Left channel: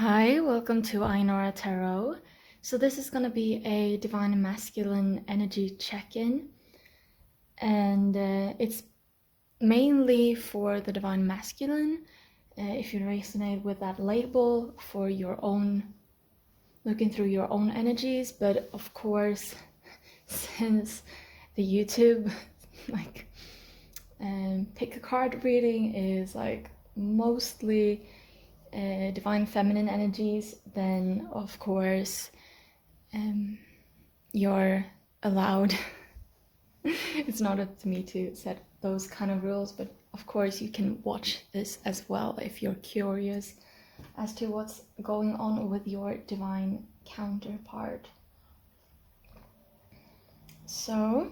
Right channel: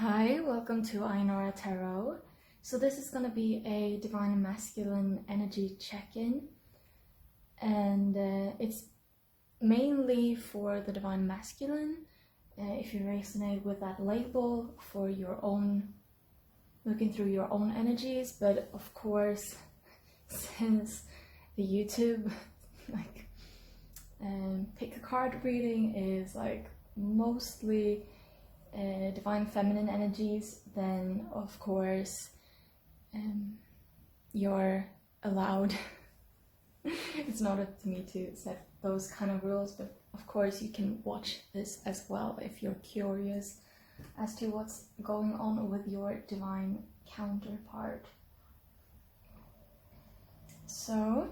Hi, welcome to Aenora Tarot. So this is going to be a divine masculine energy check-in, and it's mainly for the divine masculine. If you resonate with that label for your own, looking through your own energies, but of course, since the YouTube pick a card reading is like mostly divine feminine energies, then of course you're allowed. It's not up to me to set those kind of rules, but of course you can watch this as well if you're curious as to what's going on with your divine counterpart. So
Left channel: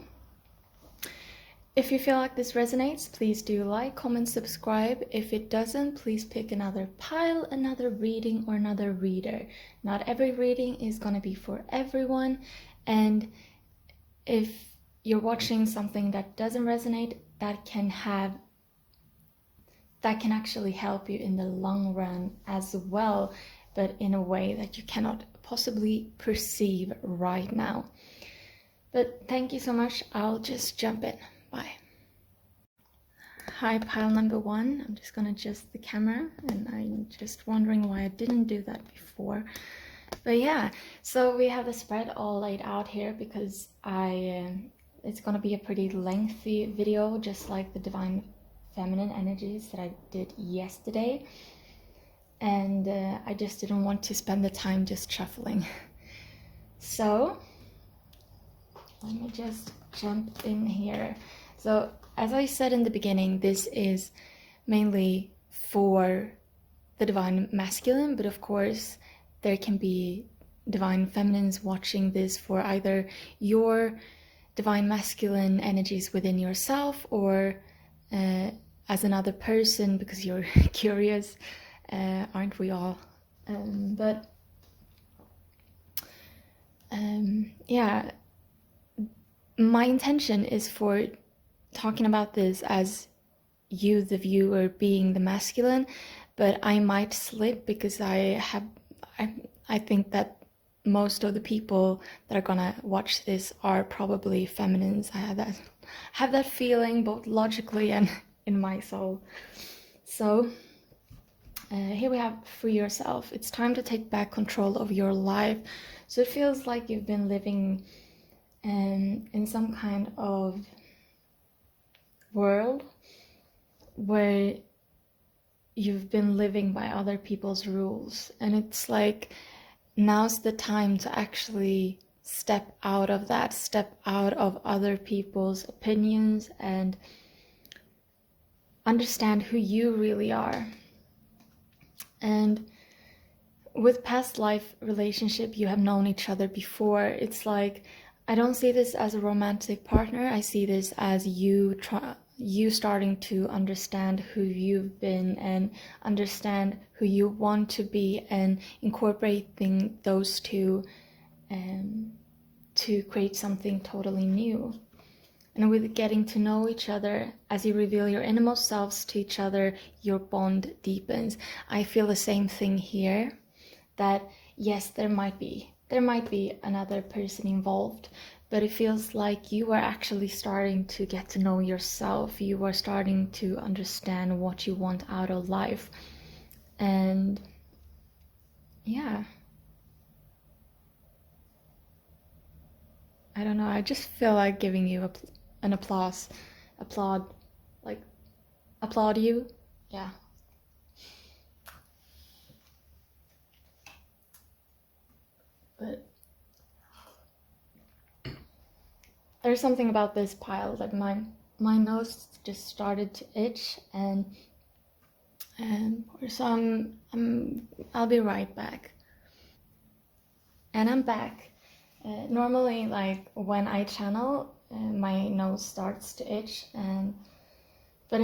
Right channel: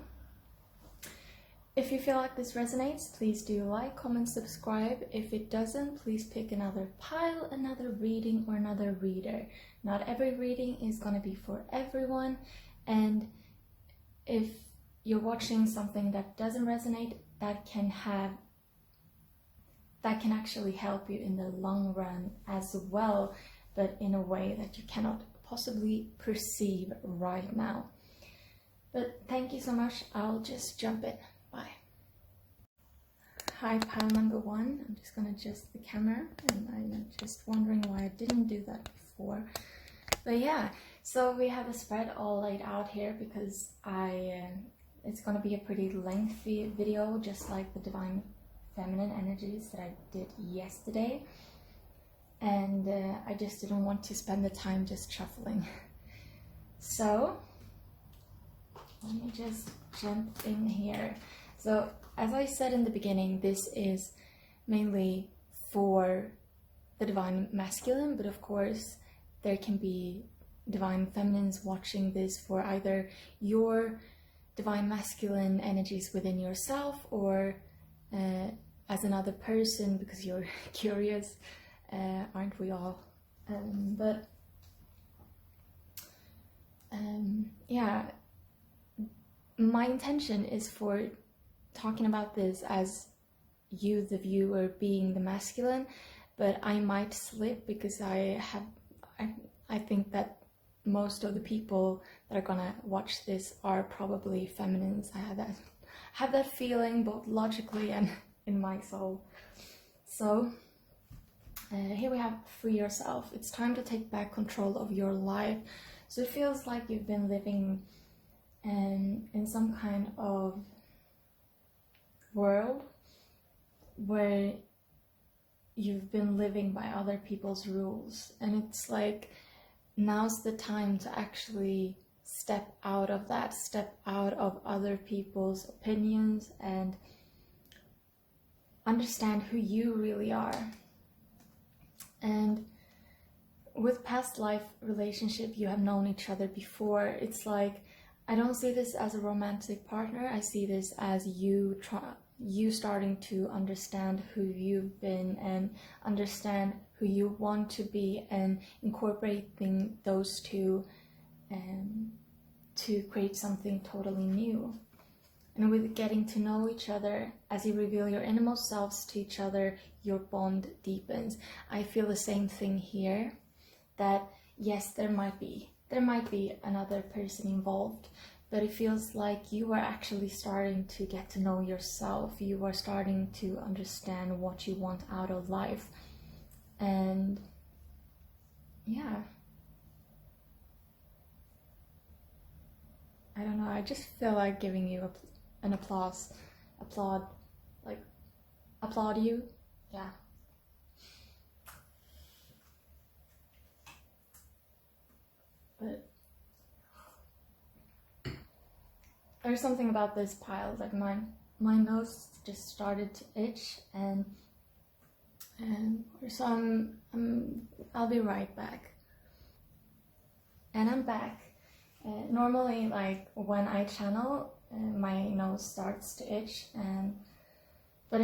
if you feel like this resonates, please do like, comment, subscribe. If it doesn't, please pick another pile, another reading, or another reader. Not every reading is going to be for everyone, and if you're watching something that doesn't resonate, that can actually help you in the long run as well, but in a way that you cannot possibly perceive right now. But thank you so much. I'll just jump in. Bye. Hi, pile number one. I'm just gonna adjust the camera, and I'm just wondering why I didn't do that before. But yeah, so we have the spread all laid out here because it's gonna be a pretty lengthy video, just like the divine feminine energies that I did yesterday, and I just didn't want to spend the time just shuffling. So let me just jump in here. So as I said in the beginning, this is mainly for the divine masculine, but of course there can be divine feminines watching this for either your divine masculine energies within yourself or as another person, because you're curious, aren't we all? Yeah, my intention is for talking about this as you, the viewer, being the masculine, but I might slip because I think that most of the people that are gonna watch this are probably feminines. I have that feeling, both logically and in my soul. So here we have free yourself. It's time to take back control of your life. So it feels like you've been living in some kind of world where you've been living by other people's rules, and it's like now's the time to actually step out of that, step out of other people's opinions and understand who you really are. And with past life relationship, you have known each other before. It's like, I don't see this as a romantic partner. I see this as you starting to understand who you've been and understand who you want to be, and incorporating those two to create something totally new. And with getting to know each other, as you reveal your innermost selves to each other, your bond deepens. I feel the same thing here, that yes, there might be another person involved, but it feels like you are actually starting to get to know yourself. You are starting to understand what you want out of life. And yeah, I don't know, I just feel like giving you an applaud you. Yeah. But there's something about this pile that my nose just started to itch, and so I'll be right back. And I'm back. Normally, like when I channel, my nose starts to itch, but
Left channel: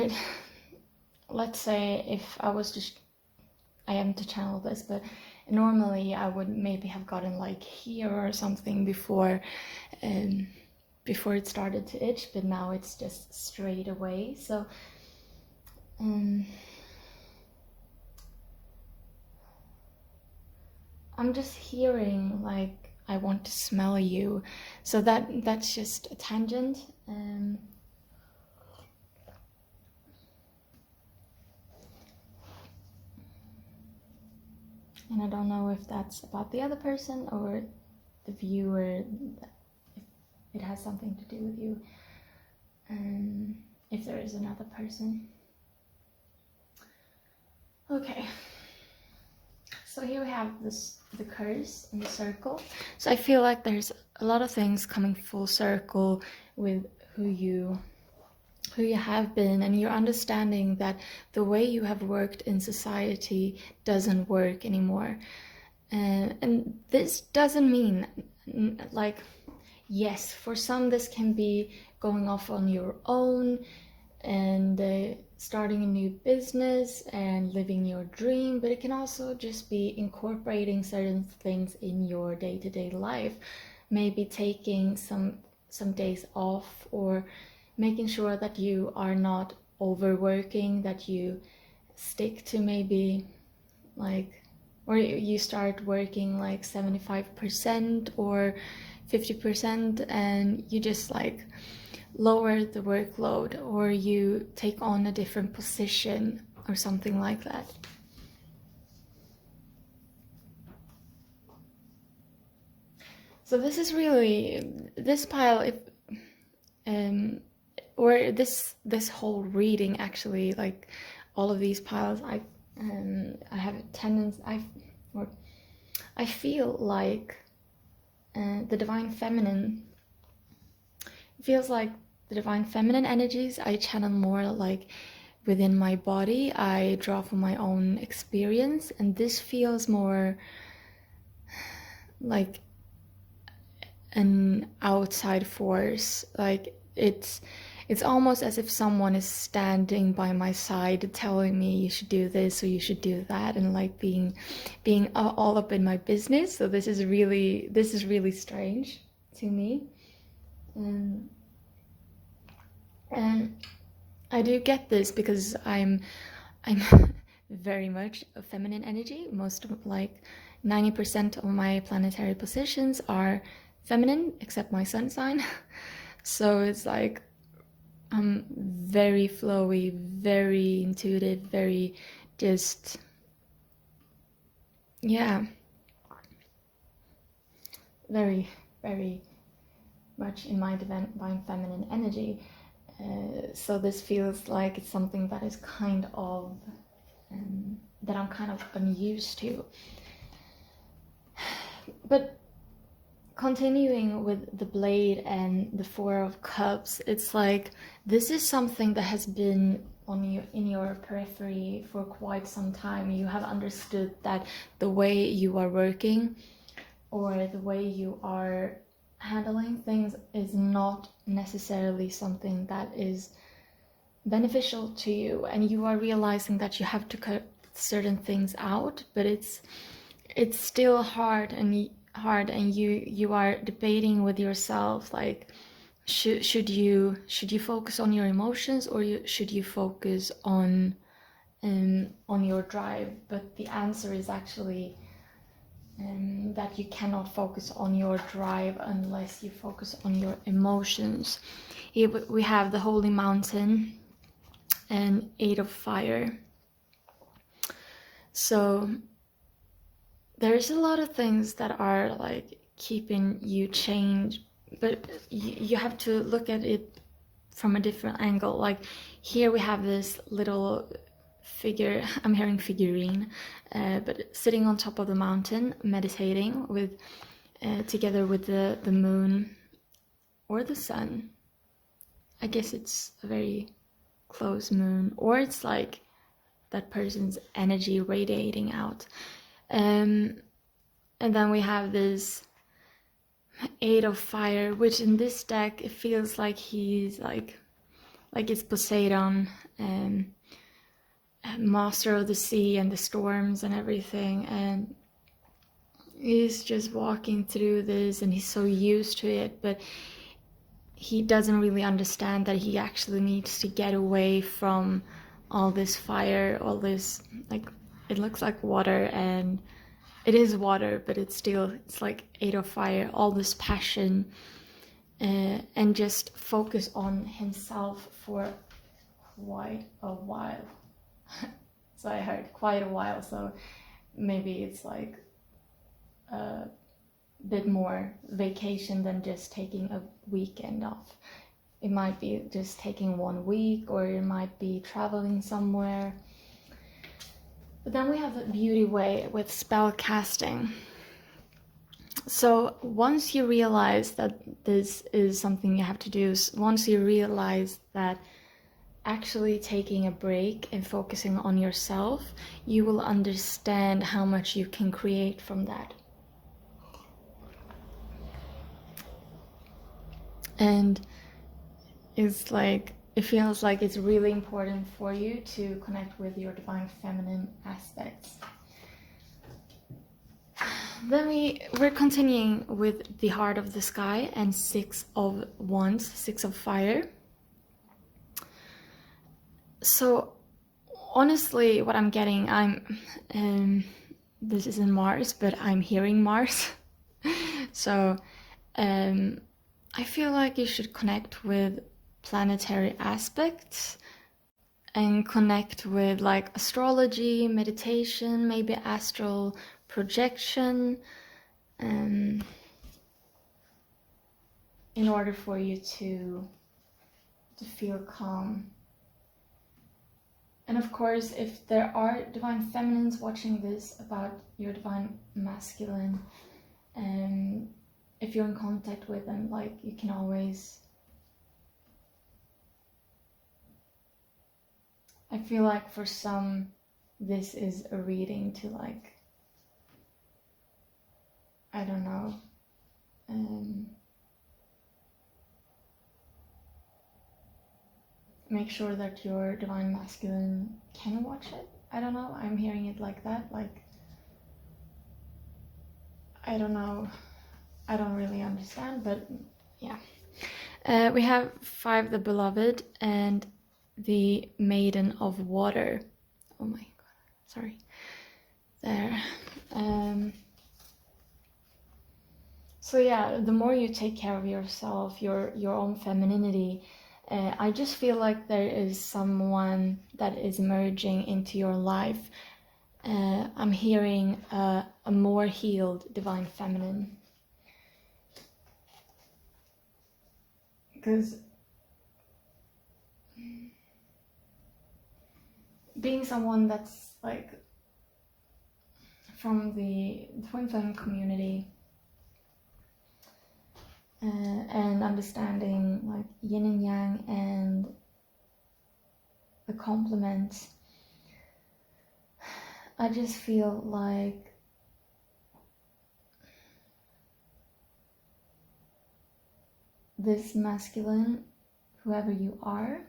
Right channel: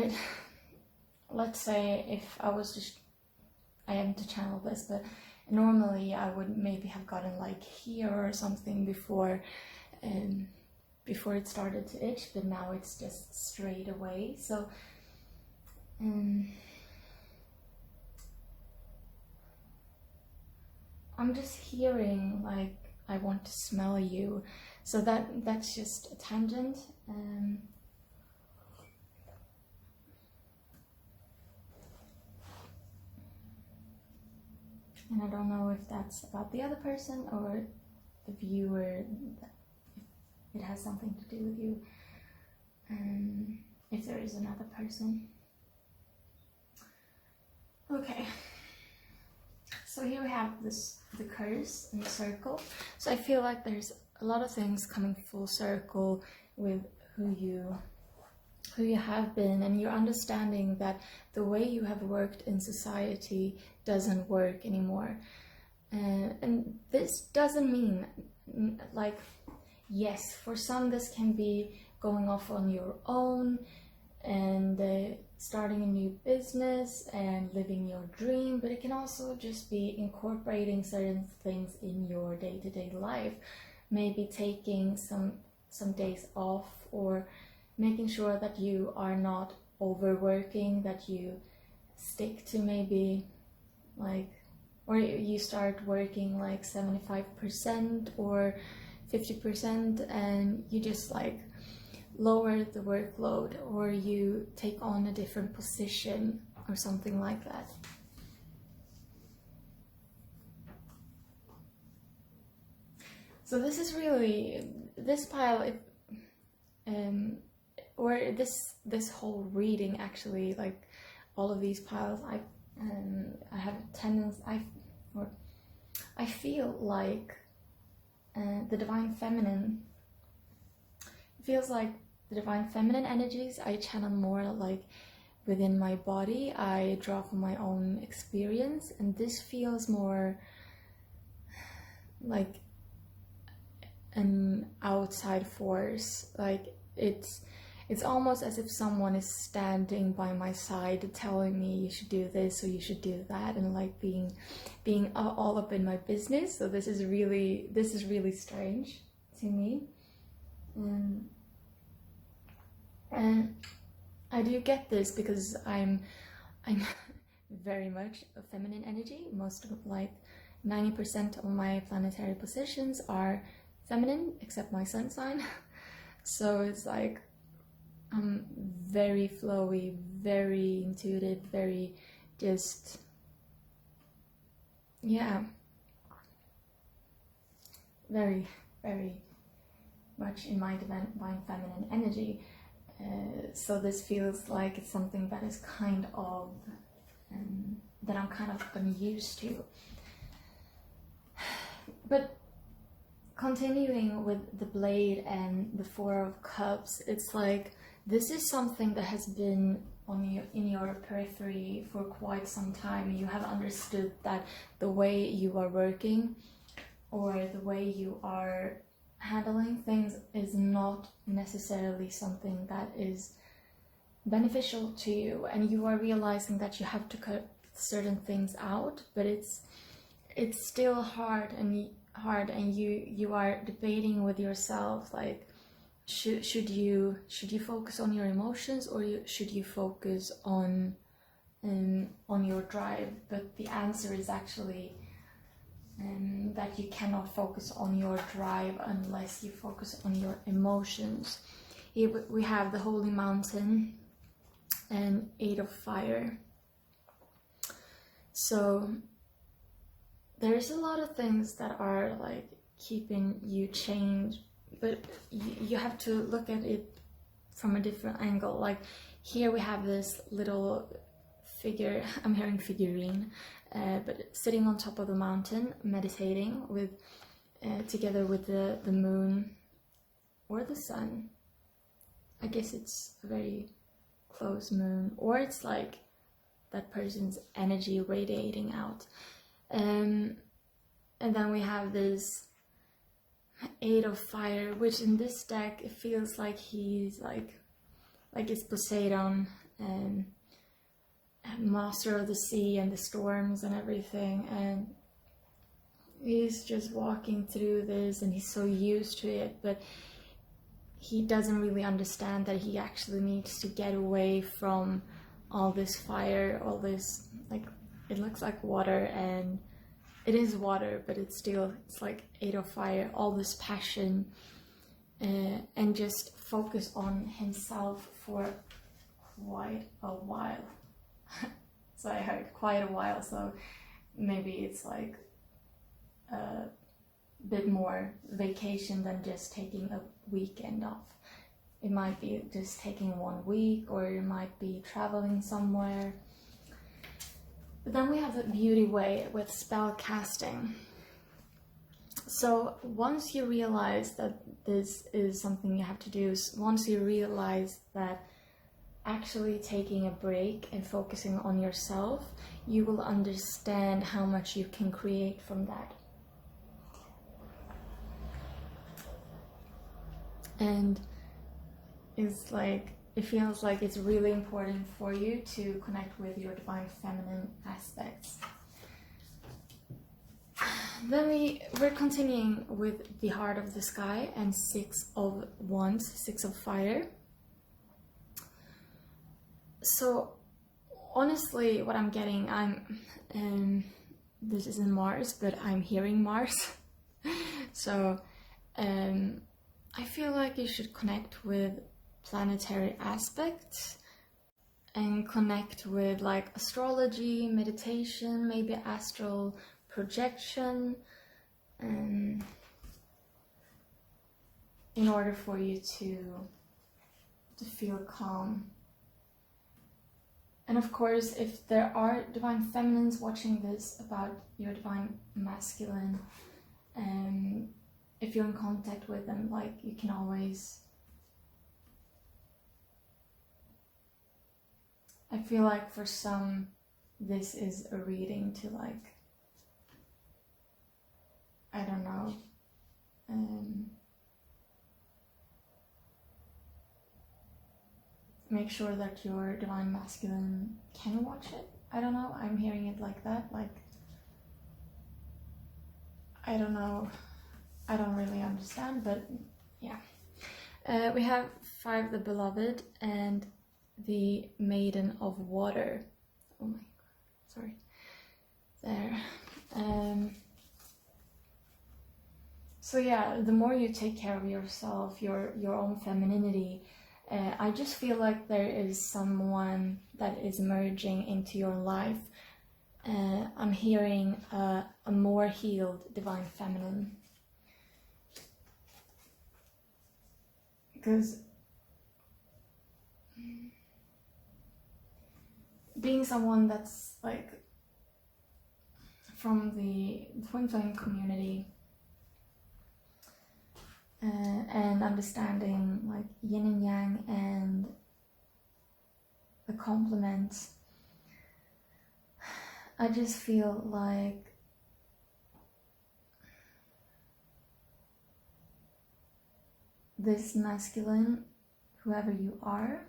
let's say if I am to channel this, but normally I would maybe have gotten like here or something before it started to itch, but now it's just straight away. So I'm just hearing like I want to smell you. So that's just a tangent. And I don't know if that's about the other person or the viewer, if it has something to do with you, if there is another person. Okay, so here we have the curse and the circle. So I feel like there's a lot of things coming full circle with who you have been, and you're understanding that the way you have worked in society doesn't work anymore. And this doesn't mean, like, yes, for some this can be going off on your own and starting a new business and living your dream, but it can also just be incorporating certain things in your day-to-day life, maybe taking some days off, or making sure that you are not overworking, that you stick to maybe like, or you start working like 75% or 50% and you just like lower the workload, or you take on a different position or something like that. So this is really, this pile, or this whole reading actually, like all of these piles, I have a tendency, I feel like the divine feminine, feels like the divine feminine energies I channel more like within my body. I draw from my own experience, and this feels more like an outside force. Like it's almost as if someone is standing by my side telling me you should do this or you should do that, and like being all up in my business. So this is really strange to me. And I do get this because I'm very much a feminine energy. Most of, like 90% of my planetary positions are feminine, except my sun sign. So it's like I'm very flowy, very intuitive, very just, yeah, very, very much in my divine feminine energy. So this feels like it's something that is kind of, that I'm kind of unused to. But continuing with the blade and the Four of Cups, it's like this is something that has been in your periphery for quite some time. You have understood that the way you are working or the way you are handling things is not necessarily something that is beneficial to you, and you are realizing that you have to cut certain things out, but it's still hard, and you are debating with yourself, like should you focus on your emotions, or should you focus on your drive? But the answer is actually that you cannot focus on your drive unless you focus on your emotions. Here we have the Holy Mountain and Eight of Fire. So there's a lot of things that are like keeping you chained, but you have to look at it from a different angle. Like here we have this little figure, I'm hearing figurine, but sitting on top of the mountain, meditating with together with the moon or the sun. I guess it's a very close moon, or it's like that person's energy radiating out. And then we have this Eight of Fire, which in this deck it feels like he's like it's Poseidon, master of the sea and the storms and everything, and he's just walking through this and he's so used to it, but he doesn't really understand that he actually needs to get away from all this fire, all this, like, it looks like water and it is water, but it's like 8 of fire, all this passion, and just focus on himself for quite a while. So I heard quite a while, so maybe it's like a bit more vacation than just taking a weekend off. It might be just taking 1 week, or it might be traveling somewhere. But then we have the beauty way with spell casting. So once you realize that this is something you have to do, once you realize that actually taking a break and focusing on yourself, you will understand how much you can create from that. And it's like, it feels like it's really important for you to connect with your divine feminine aspects. Then we're continuing with the Heart of the Sky and 6 of Wands, 6 of Fire. So honestly, what I'm getting, this isn't Mars, but I'm hearing Mars. So I feel like you should connect with planetary aspects and connect with like astrology, meditation, maybe astral projection, in order for you to feel calm. And of course, if there are divine feminines watching this about your divine masculine, if you're in contact with them, like, you can always, I feel like for some this is a reading to, like, I don't know, make sure that your divine masculine can watch it. I don't know, I'm hearing it like that, like, I don't know, I don't really understand, but yeah. We have 5, the Beloved, and the Maiden of Water. Oh my god, sorry. There. So yeah, the more you take care of yourself, your own femininity, I just feel like there is someone that is merging into your life. I'm hearing a more healed divine feminine. Because being someone that's like from the twinflame community, and understanding like yin and yang and the complements, I just feel like this masculine, whoever you are,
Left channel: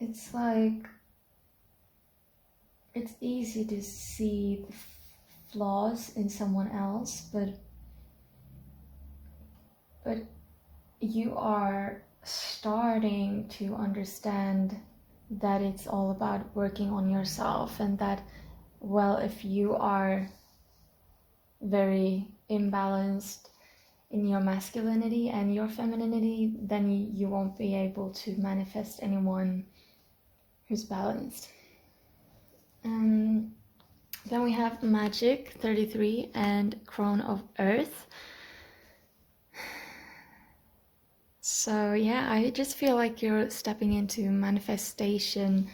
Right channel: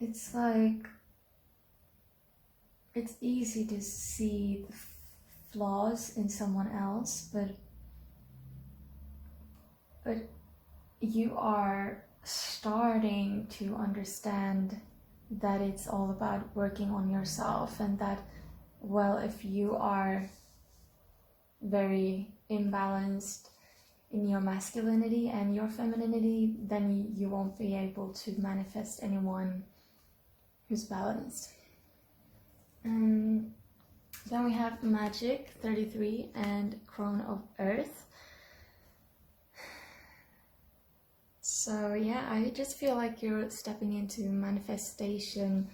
it's like, it's easy to see the flaws in someone else, but you are starting to understand that it's all about working on yourself, and that, well, if you are very imbalanced in your masculinity and your femininity, then you won't be able to manifest anyone who's balanced. Then we have Magic 33 and Crown of Earth. So yeah, I just feel like you're stepping into manifestation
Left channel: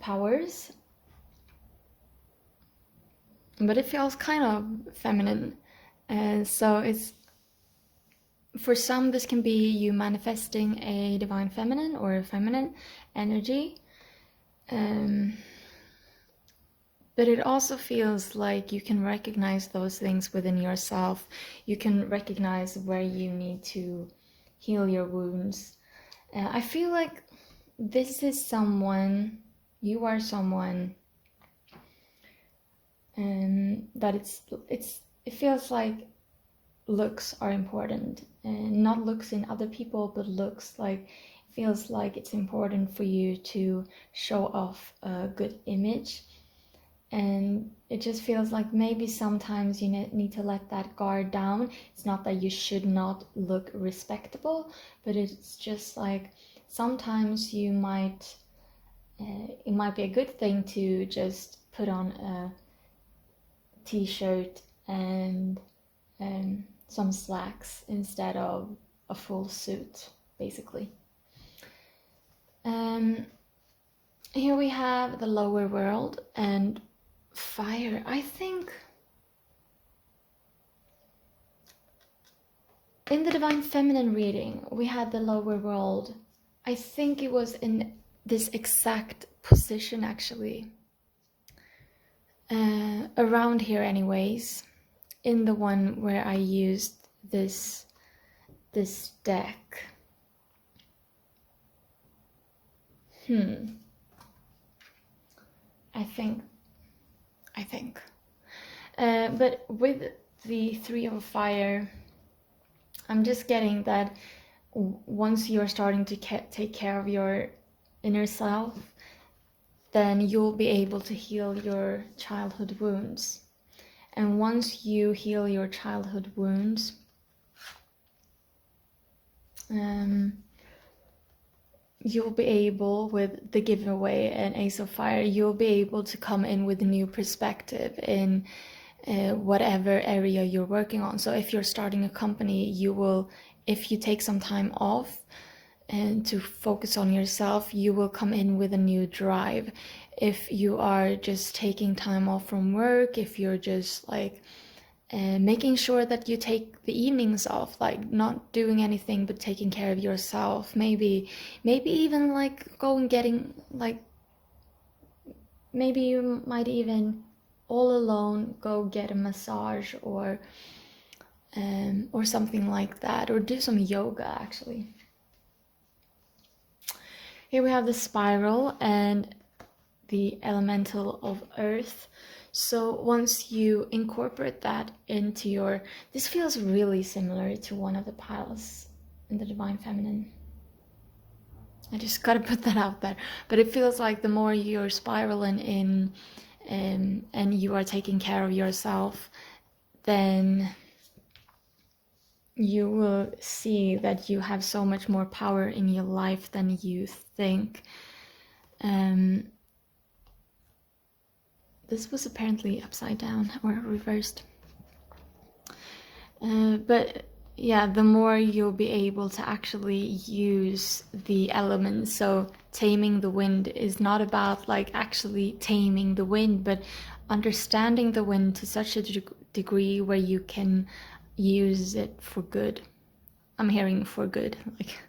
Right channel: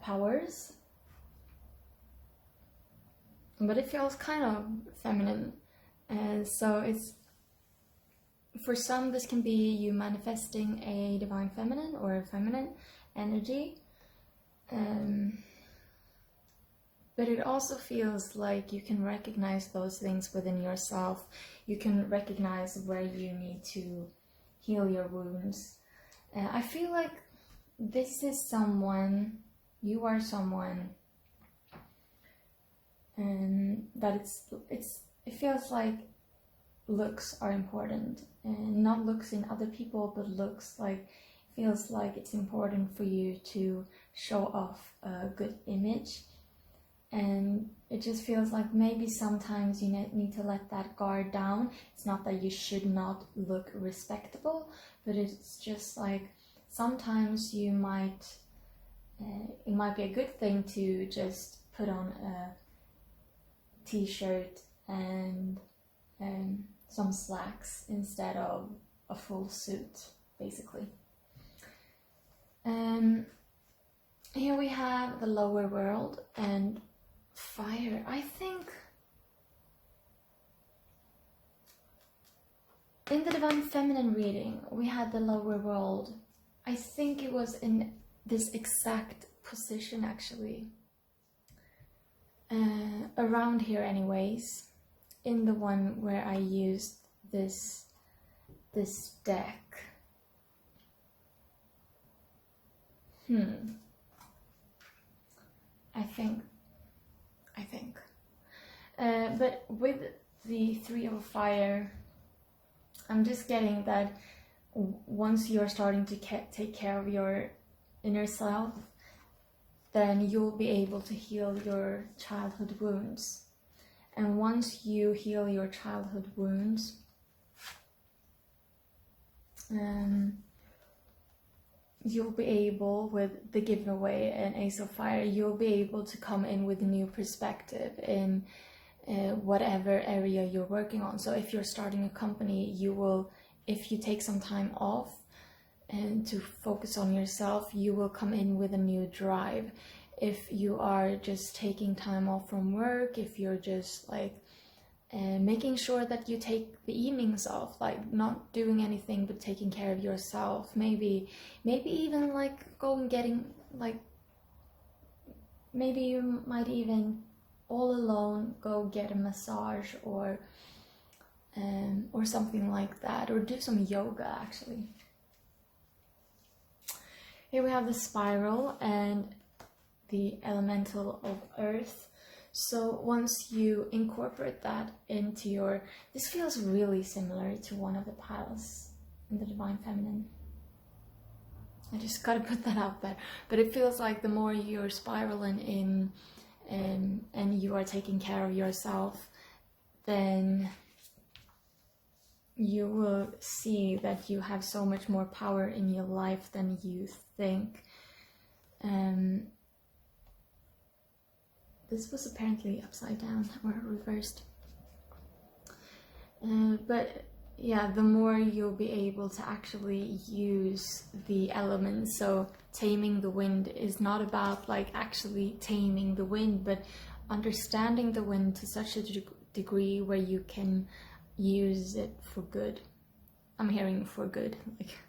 powers, but it feels kind of feminine. So it's, for some, this can be you manifesting a divine feminine or a feminine energy. But it also feels like you can recognize those things within yourself. You can recognize where you need to heal your wounds. I feel like this is someone, you are someone, that it feels like looks are important, and not looks in other people, but looks like, feels like it's important for you to show off a good image image. And it just feels like maybe sometimes you need to let that guard down. It's not that you should not look respectable, but it's just like sometimes you might, it might be a good thing to just put on a t-shirt and some slacks instead of a full suit, basically. Here we have the lower world and fire. I think in the Divine Feminine reading we had the lower world. I think it was in this exact position, actually, around here anyways, in the one where I used this deck. I think. But with the Three of Fire, I'm just getting that once you're starting to take care of your inner self, then you'll be able to heal your childhood wounds. And once you heal your childhood wounds, you'll be able, with the giveaway and Ace of Fire, you'll be able to come in with a new perspective in whatever area you're working on. So if you're starting a company, you will, if you take some time off and to focus on yourself, you will come in with a new drive. If you are just taking time off from work, if you're just like making sure that you take the evenings off, like not doing anything but taking care of yourself, maybe even like go and getting, like maybe you might even all alone go get a massage or something like that, or do some yoga. Actually, here we have the spiral and the elemental of earth. So once you incorporate that into your, this feels really similar to one of the piles in the Divine Feminine. I just gotta put that out there. But it feels like the more you're spiraling in and you are taking care of yourself, then you will see that you have so much more power in your life than you think. This was apparently upside down or reversed. But yeah, the more you'll be able to actually use the elements. So taming the wind is not about like actually taming the wind, but understanding the wind to such a degree where you can use it for good. I'm hearing for good, like.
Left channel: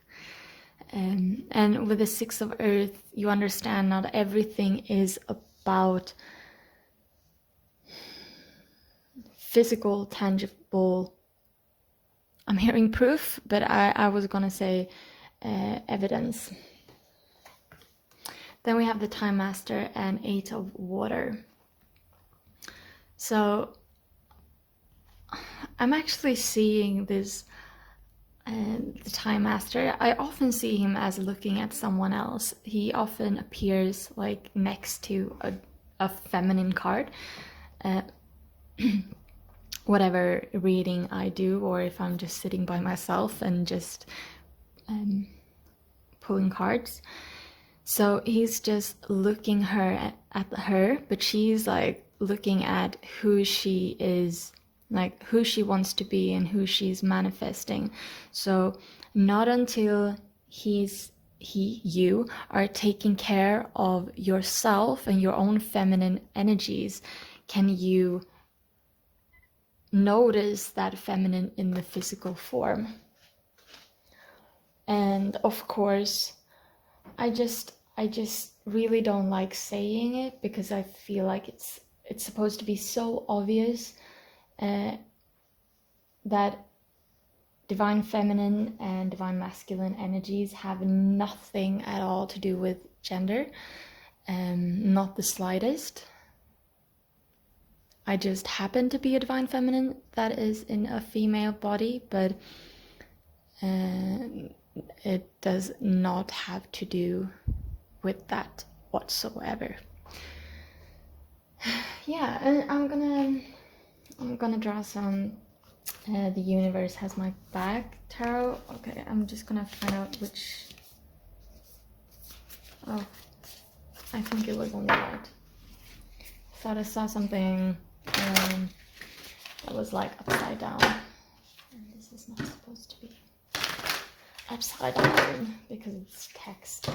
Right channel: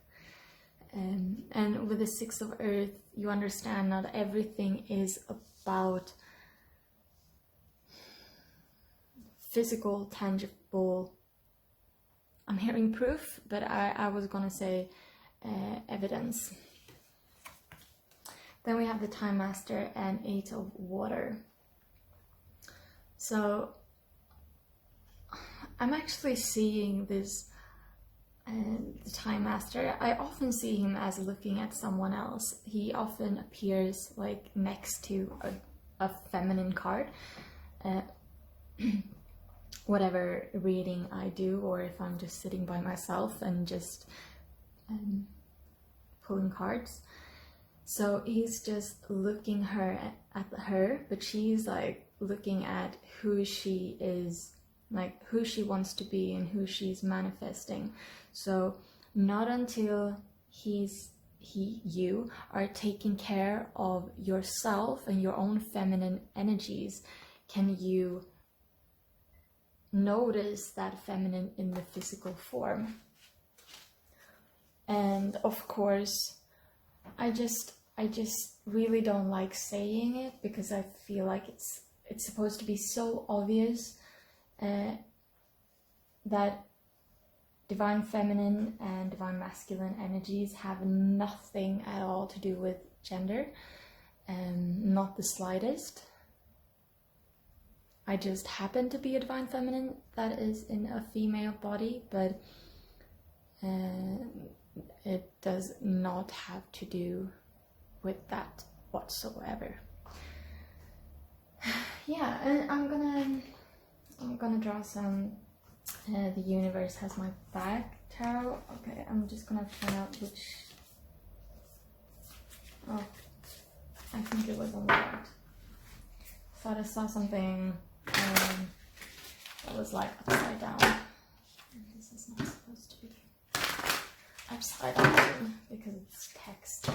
And with the Six of Earth, you understand not everything is about physical, tangible. I'm hearing proof, but I was gonna say evidence. Then we have the Time Master and Eight of Water. So I'm actually seeing this, the Time Master. I often see him as looking at someone else. He often appears like next to a feminine card. Whatever reading I do, or if I'm just sitting by myself and just pulling cards. So he's just looking at her, but she's like looking at who she is, like who she wants to be and who she's manifesting. So not until you are taking care of yourself and your own feminine energies can you notice that feminine in the physical form. And of course, I just really don't like saying it, because I feel like it's supposed to be so obvious that Divine Feminine and Divine Masculine energies have nothing at all to do with gender, not the slightest. I just happen to be a Divine Feminine that is in a female body, but it does not have to do with that whatsoever. Yeah, and I'm gonna draw some The Universe Has My Back tarot. Okay, I'm just gonna find out which. Oh, I think it was on the right. Thought I saw something that was like upside down, and this is not supposed to be upside down because it's text.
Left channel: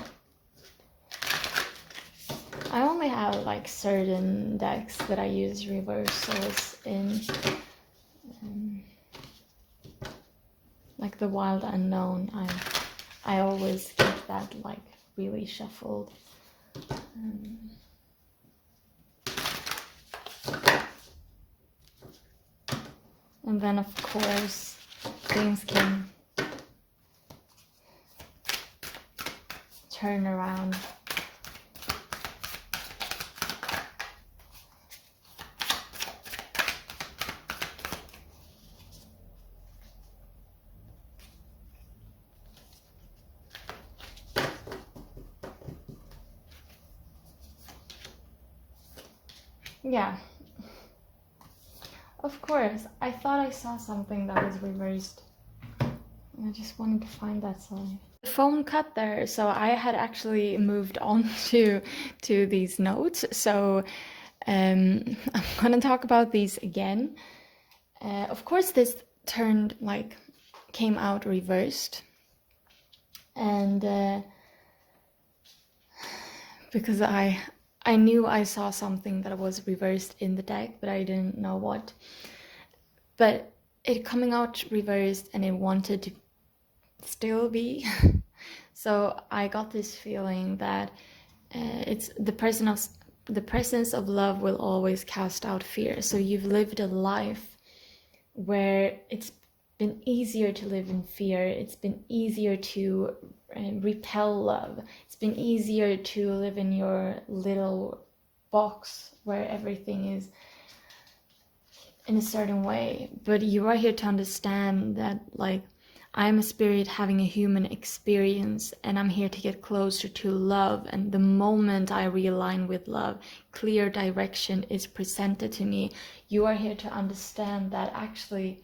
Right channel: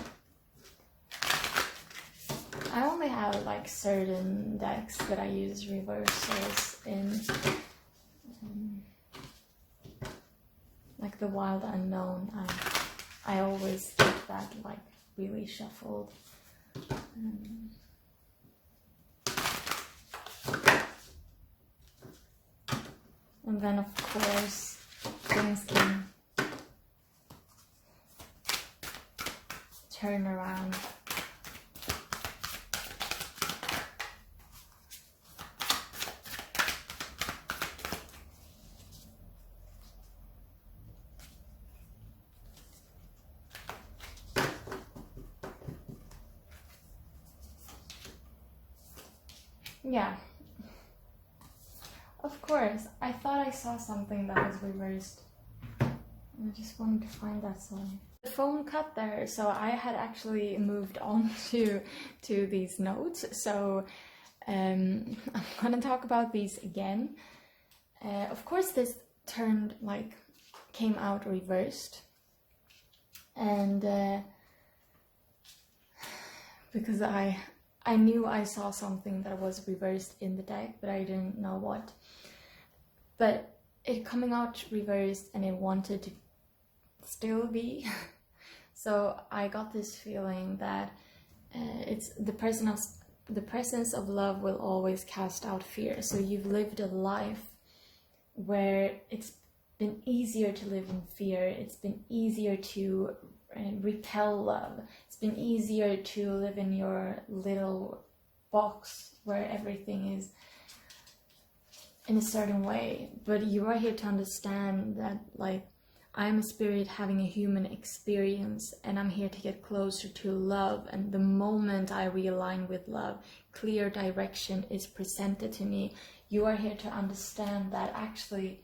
I only have like certain decks that I use reversals in, like the Wild Unknown. I always get that like really shuffled. And then of course things can turn around. Yeah, of course. I thought I saw something that was reversed. I just wanted to find that sign. The phone cut there, so I had actually moved on to these notes. So I'm gonna talk about these again. Of course, this came out reversed, and because I knew I saw something that was reversed in the deck, but I didn't know what. But it coming out reversed, and it wanted to still be. So I got this feeling that it's the presence of love will always cast out fear. So you've lived a life where it's been easier to live in fear. It's been easier to repel love. It's been easier to live in your little box where everything is in a certain way. But you are here to understand that, like, I'm a spirit having a human experience, and I'm here to get closer to love. And the moment I realign with love, clear direction is presented to me. You are here to understand that actually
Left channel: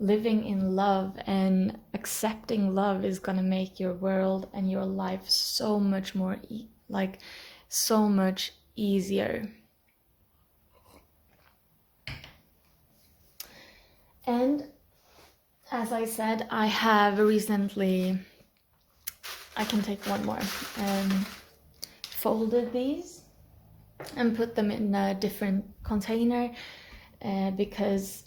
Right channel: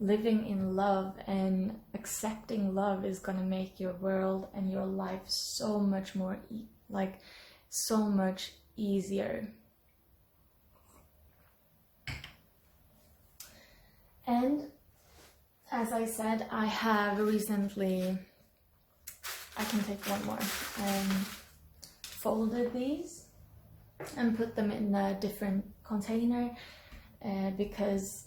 living in love and accepting love is going to make your world and your life so much more so much easier. And as I said, I have recently, I can take one more, folded these and put them in a different container because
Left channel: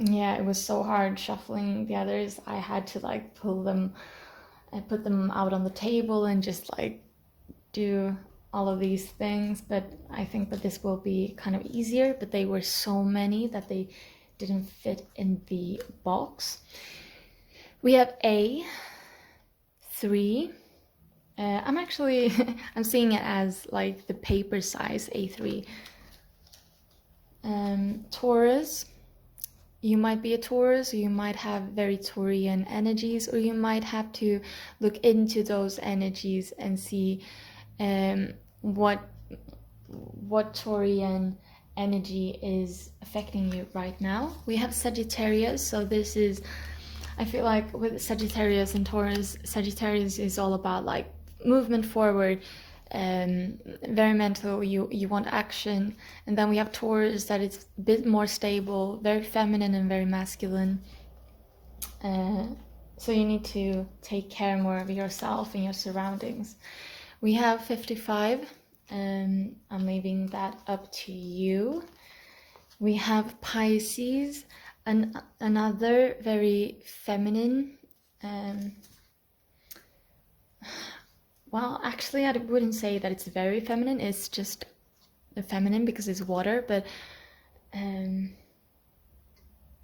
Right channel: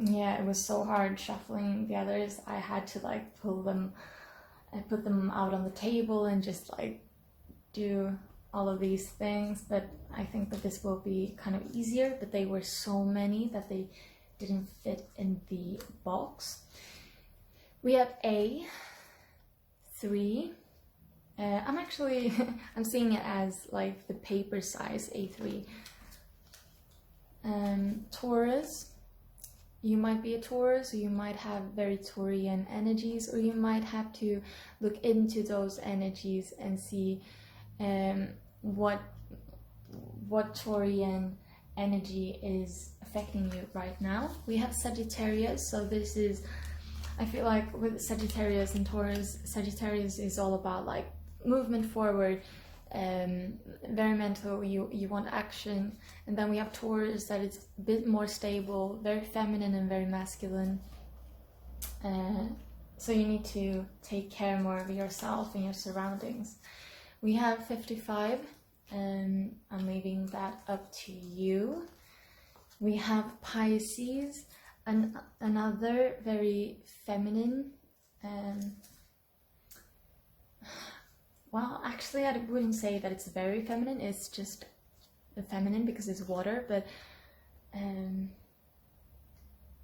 yeah, it was so hard shuffling the others. I had to like pull them and put them out on the table and just like do all of these things. But I think that this will be kind of easier, but they were so many that they didn't fit in the box. We have A3. I'm seeing it as like the paper size A3. Taurus. You might be a Taurus, or you might have very Taurian energies, or you might have to look into those energies and see what Taurian energy is affecting you right now. We have Sagittarius, so this is, I feel like with Sagittarius and Taurus, Sagittarius is all about like movement forward, very mental, you want action. And then we have Taurus, that it's a bit more stable, very feminine and very masculine. So you need to take care more of yourself and your surroundings. We have 55, and I'm leaving that up to you. We have Pisces, and another very feminine. Well, actually, I wouldn't say that it's very feminine. It's just feminine because it's water, but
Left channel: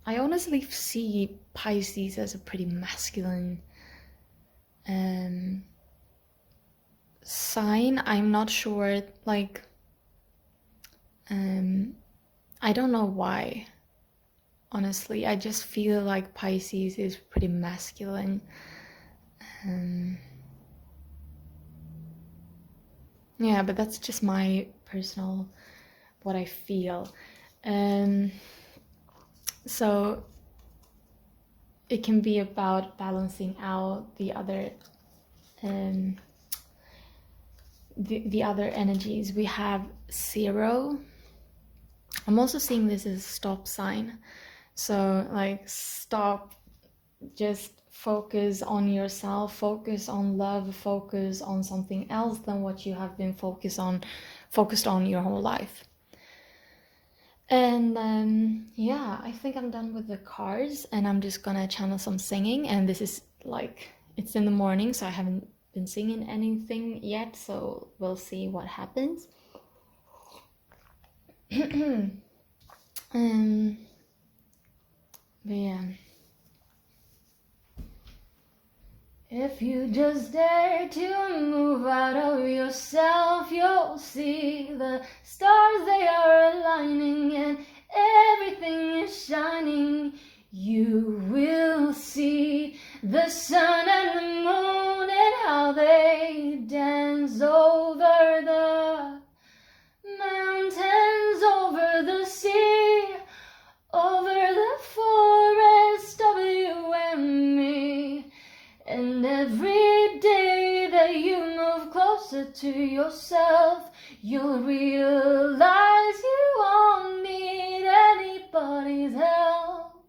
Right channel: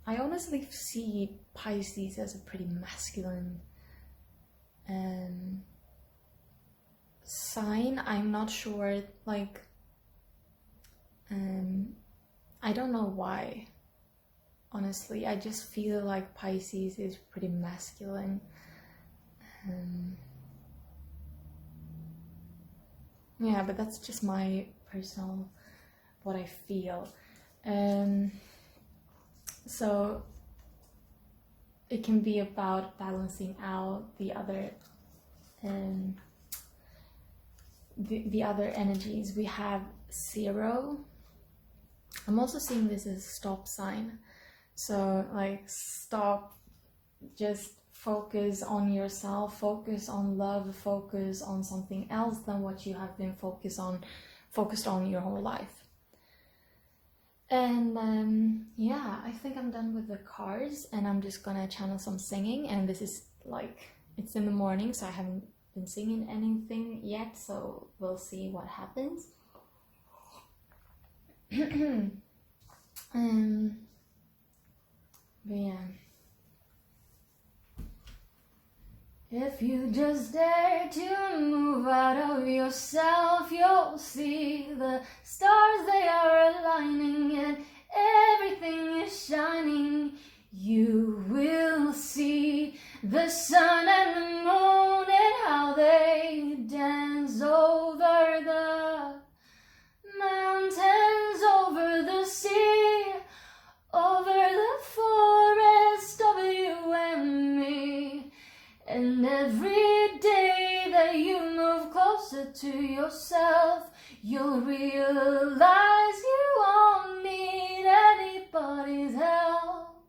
I honestly see Pisces as a pretty masculine sign. I'm not sure, like, I don't know why. Honestly, I just feel like Pisces is pretty masculine. Yeah, but that's just my personal, what I feel. So it can be about balancing out the other the other energies. We have 0. I'm also seeing this as a stop sign. So like, stop, just focus on yourself, focus on love, focus on something else than what you have been focused on your whole life. And yeah, I think I'm done with the cards, and I'm just gonna channel some singing. And this is like, it's in the morning, so I haven't been singing anything yet, so we'll see what happens. But yeah. If you just dare to move out of yourself, you'll see the stars, they are aligning, and everything is shining. You will see the sun and the moon and how they dance over the mountains, over the sea, over the forest, over you and me. And every day that you move closer to yourself, you'll realize you won't need anybody's help.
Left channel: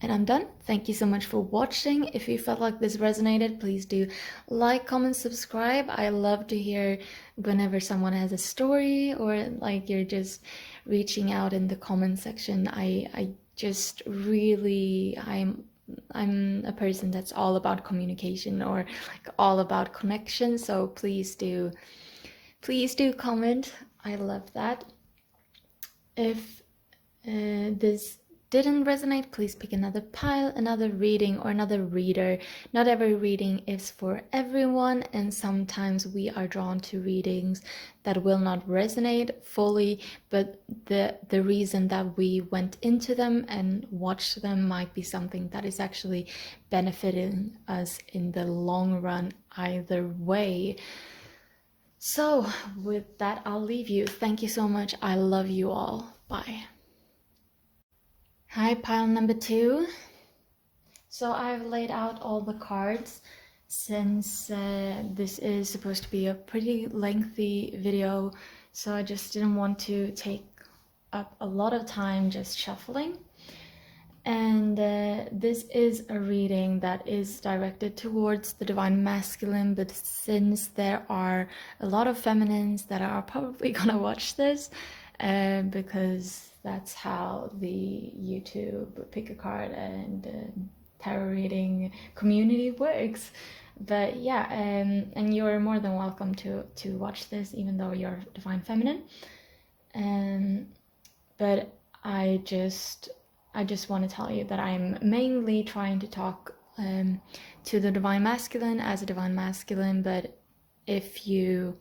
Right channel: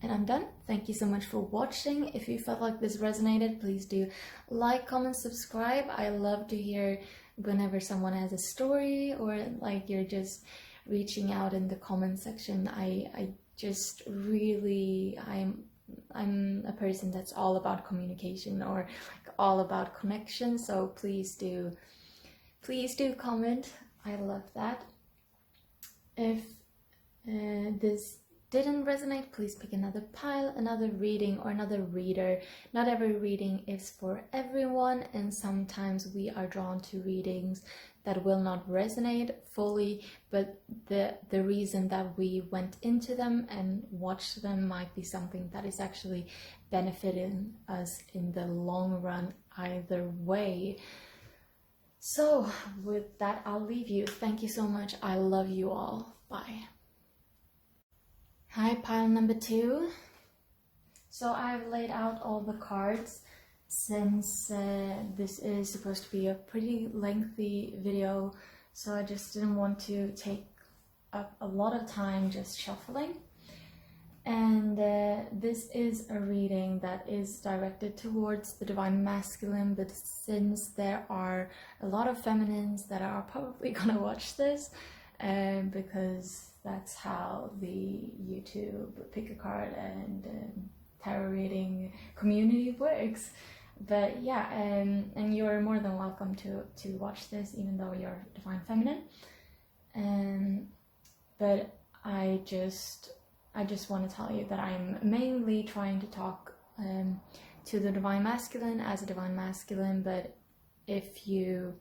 And I'm done. Thank you so much for watching. If you felt like this resonated, please do like, comment, subscribe. I love to hear whenever someone has a story, or like you're just reaching out in the comment section. I just really, I'm a person that's all about communication, or like all about connection. So please do comment. I love that. If this didn't resonate, please pick another pile, another reading, or another reader. Not every reading is for everyone, and sometimes we are drawn to readings that will not resonate fully, but the reason that we went into them and watched them might be something that is actually benefiting us in the long run either way. So with that, I'll leave you. Thank you so much. I love you all. Bye. Hi, pile number 2. So I've laid out all the cards, since this is supposed to be a pretty lengthy video, so I just didn't want to take up a lot of time just shuffling. And this is a reading that is directed towards the divine masculine, but since there are a lot of feminines that are probably gonna watch this, because that's how the YouTube pick-a-card and tarot reading community works. But yeah, and you're more than welcome to watch this, even though you're divine feminine. But I just want to tell you that I'm mainly trying to talk to the divine masculine as a divine masculine. But if you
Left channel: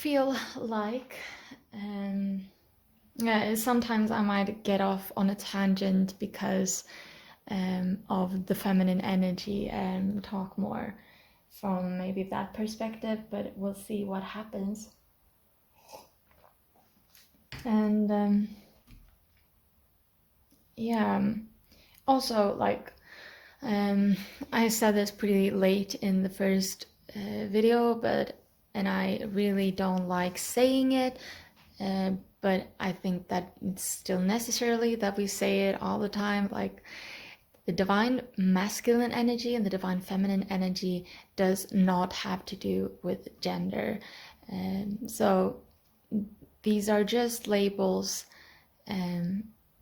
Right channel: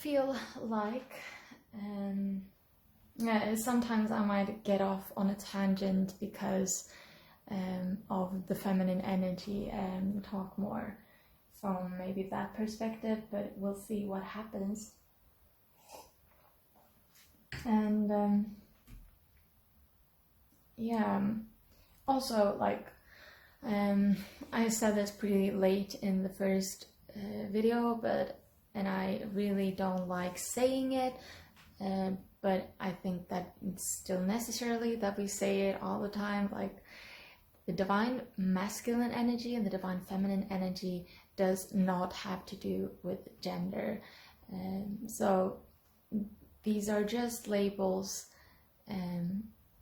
feel like sometimes I might get off on a tangent because of the feminine energy and talk more from maybe that perspective, but we'll see what happens. And yeah, also, like, I said this pretty late in the first video, and I really don't like saying it, but I think that it's still necessarily that we say it all the time. Like, the divine masculine energy and the divine feminine energy does not have to do with gender. So these are just labels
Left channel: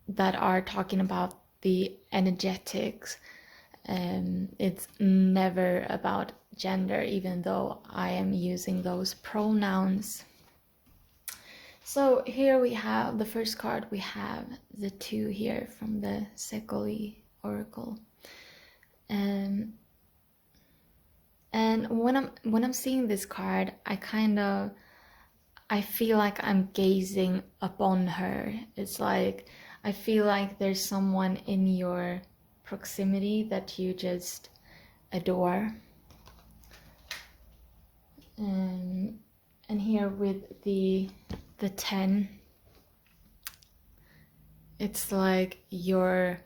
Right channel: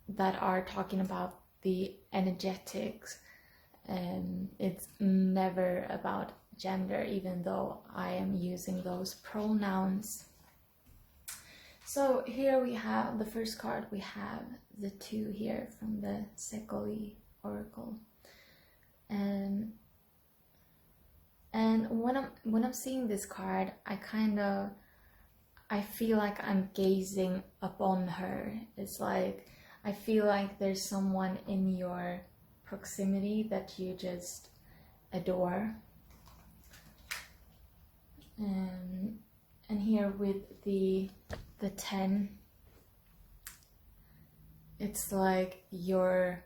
that are talking about the energetics. It's never about gender, even though I am using those pronouns. So here we have the first card. We have the 2 here from the Ceccoli Oracle. And when I'm seeing this card, I feel like I'm gazing upon her. It's like I feel like there's someone in your proximity that you just adore. And here with the 10, it's like you're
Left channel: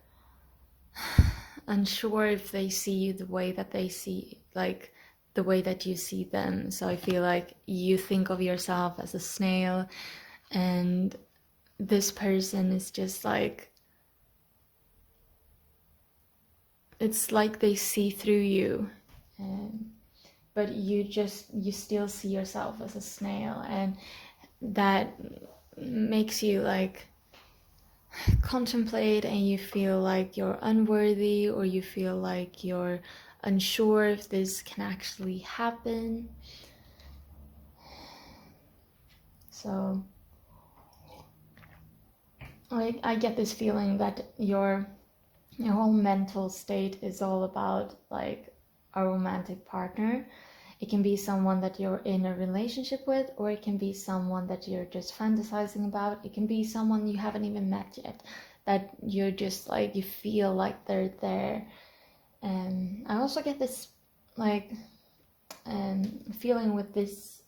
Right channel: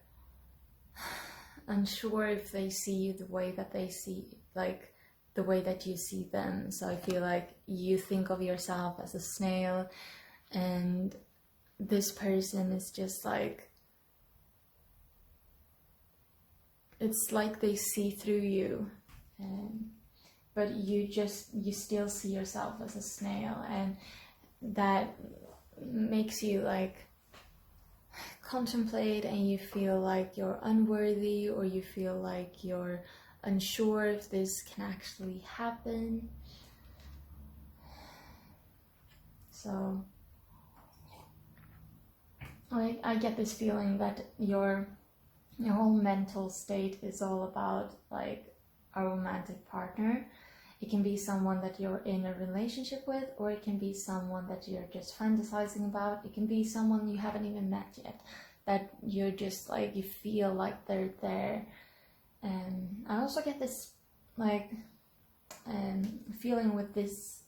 unsure if they see you the way that they see, like the way that you see them. So I feel like you think of yourself as a snail, and this person is just like, it's like they see through you, but you still see yourself as a snail, and that makes you like contemplate, and you feel like you're unworthy, or you feel like you're unsure if this can actually happen. So I get this feeling that your whole mental state is all about like a romantic partner. It can be someone that you're in a relationship with, or it can be someone that you're just fantasizing about. It can be someone you haven't even met yet, that you're just like, you feel like they're there. And I also get this like feeling with this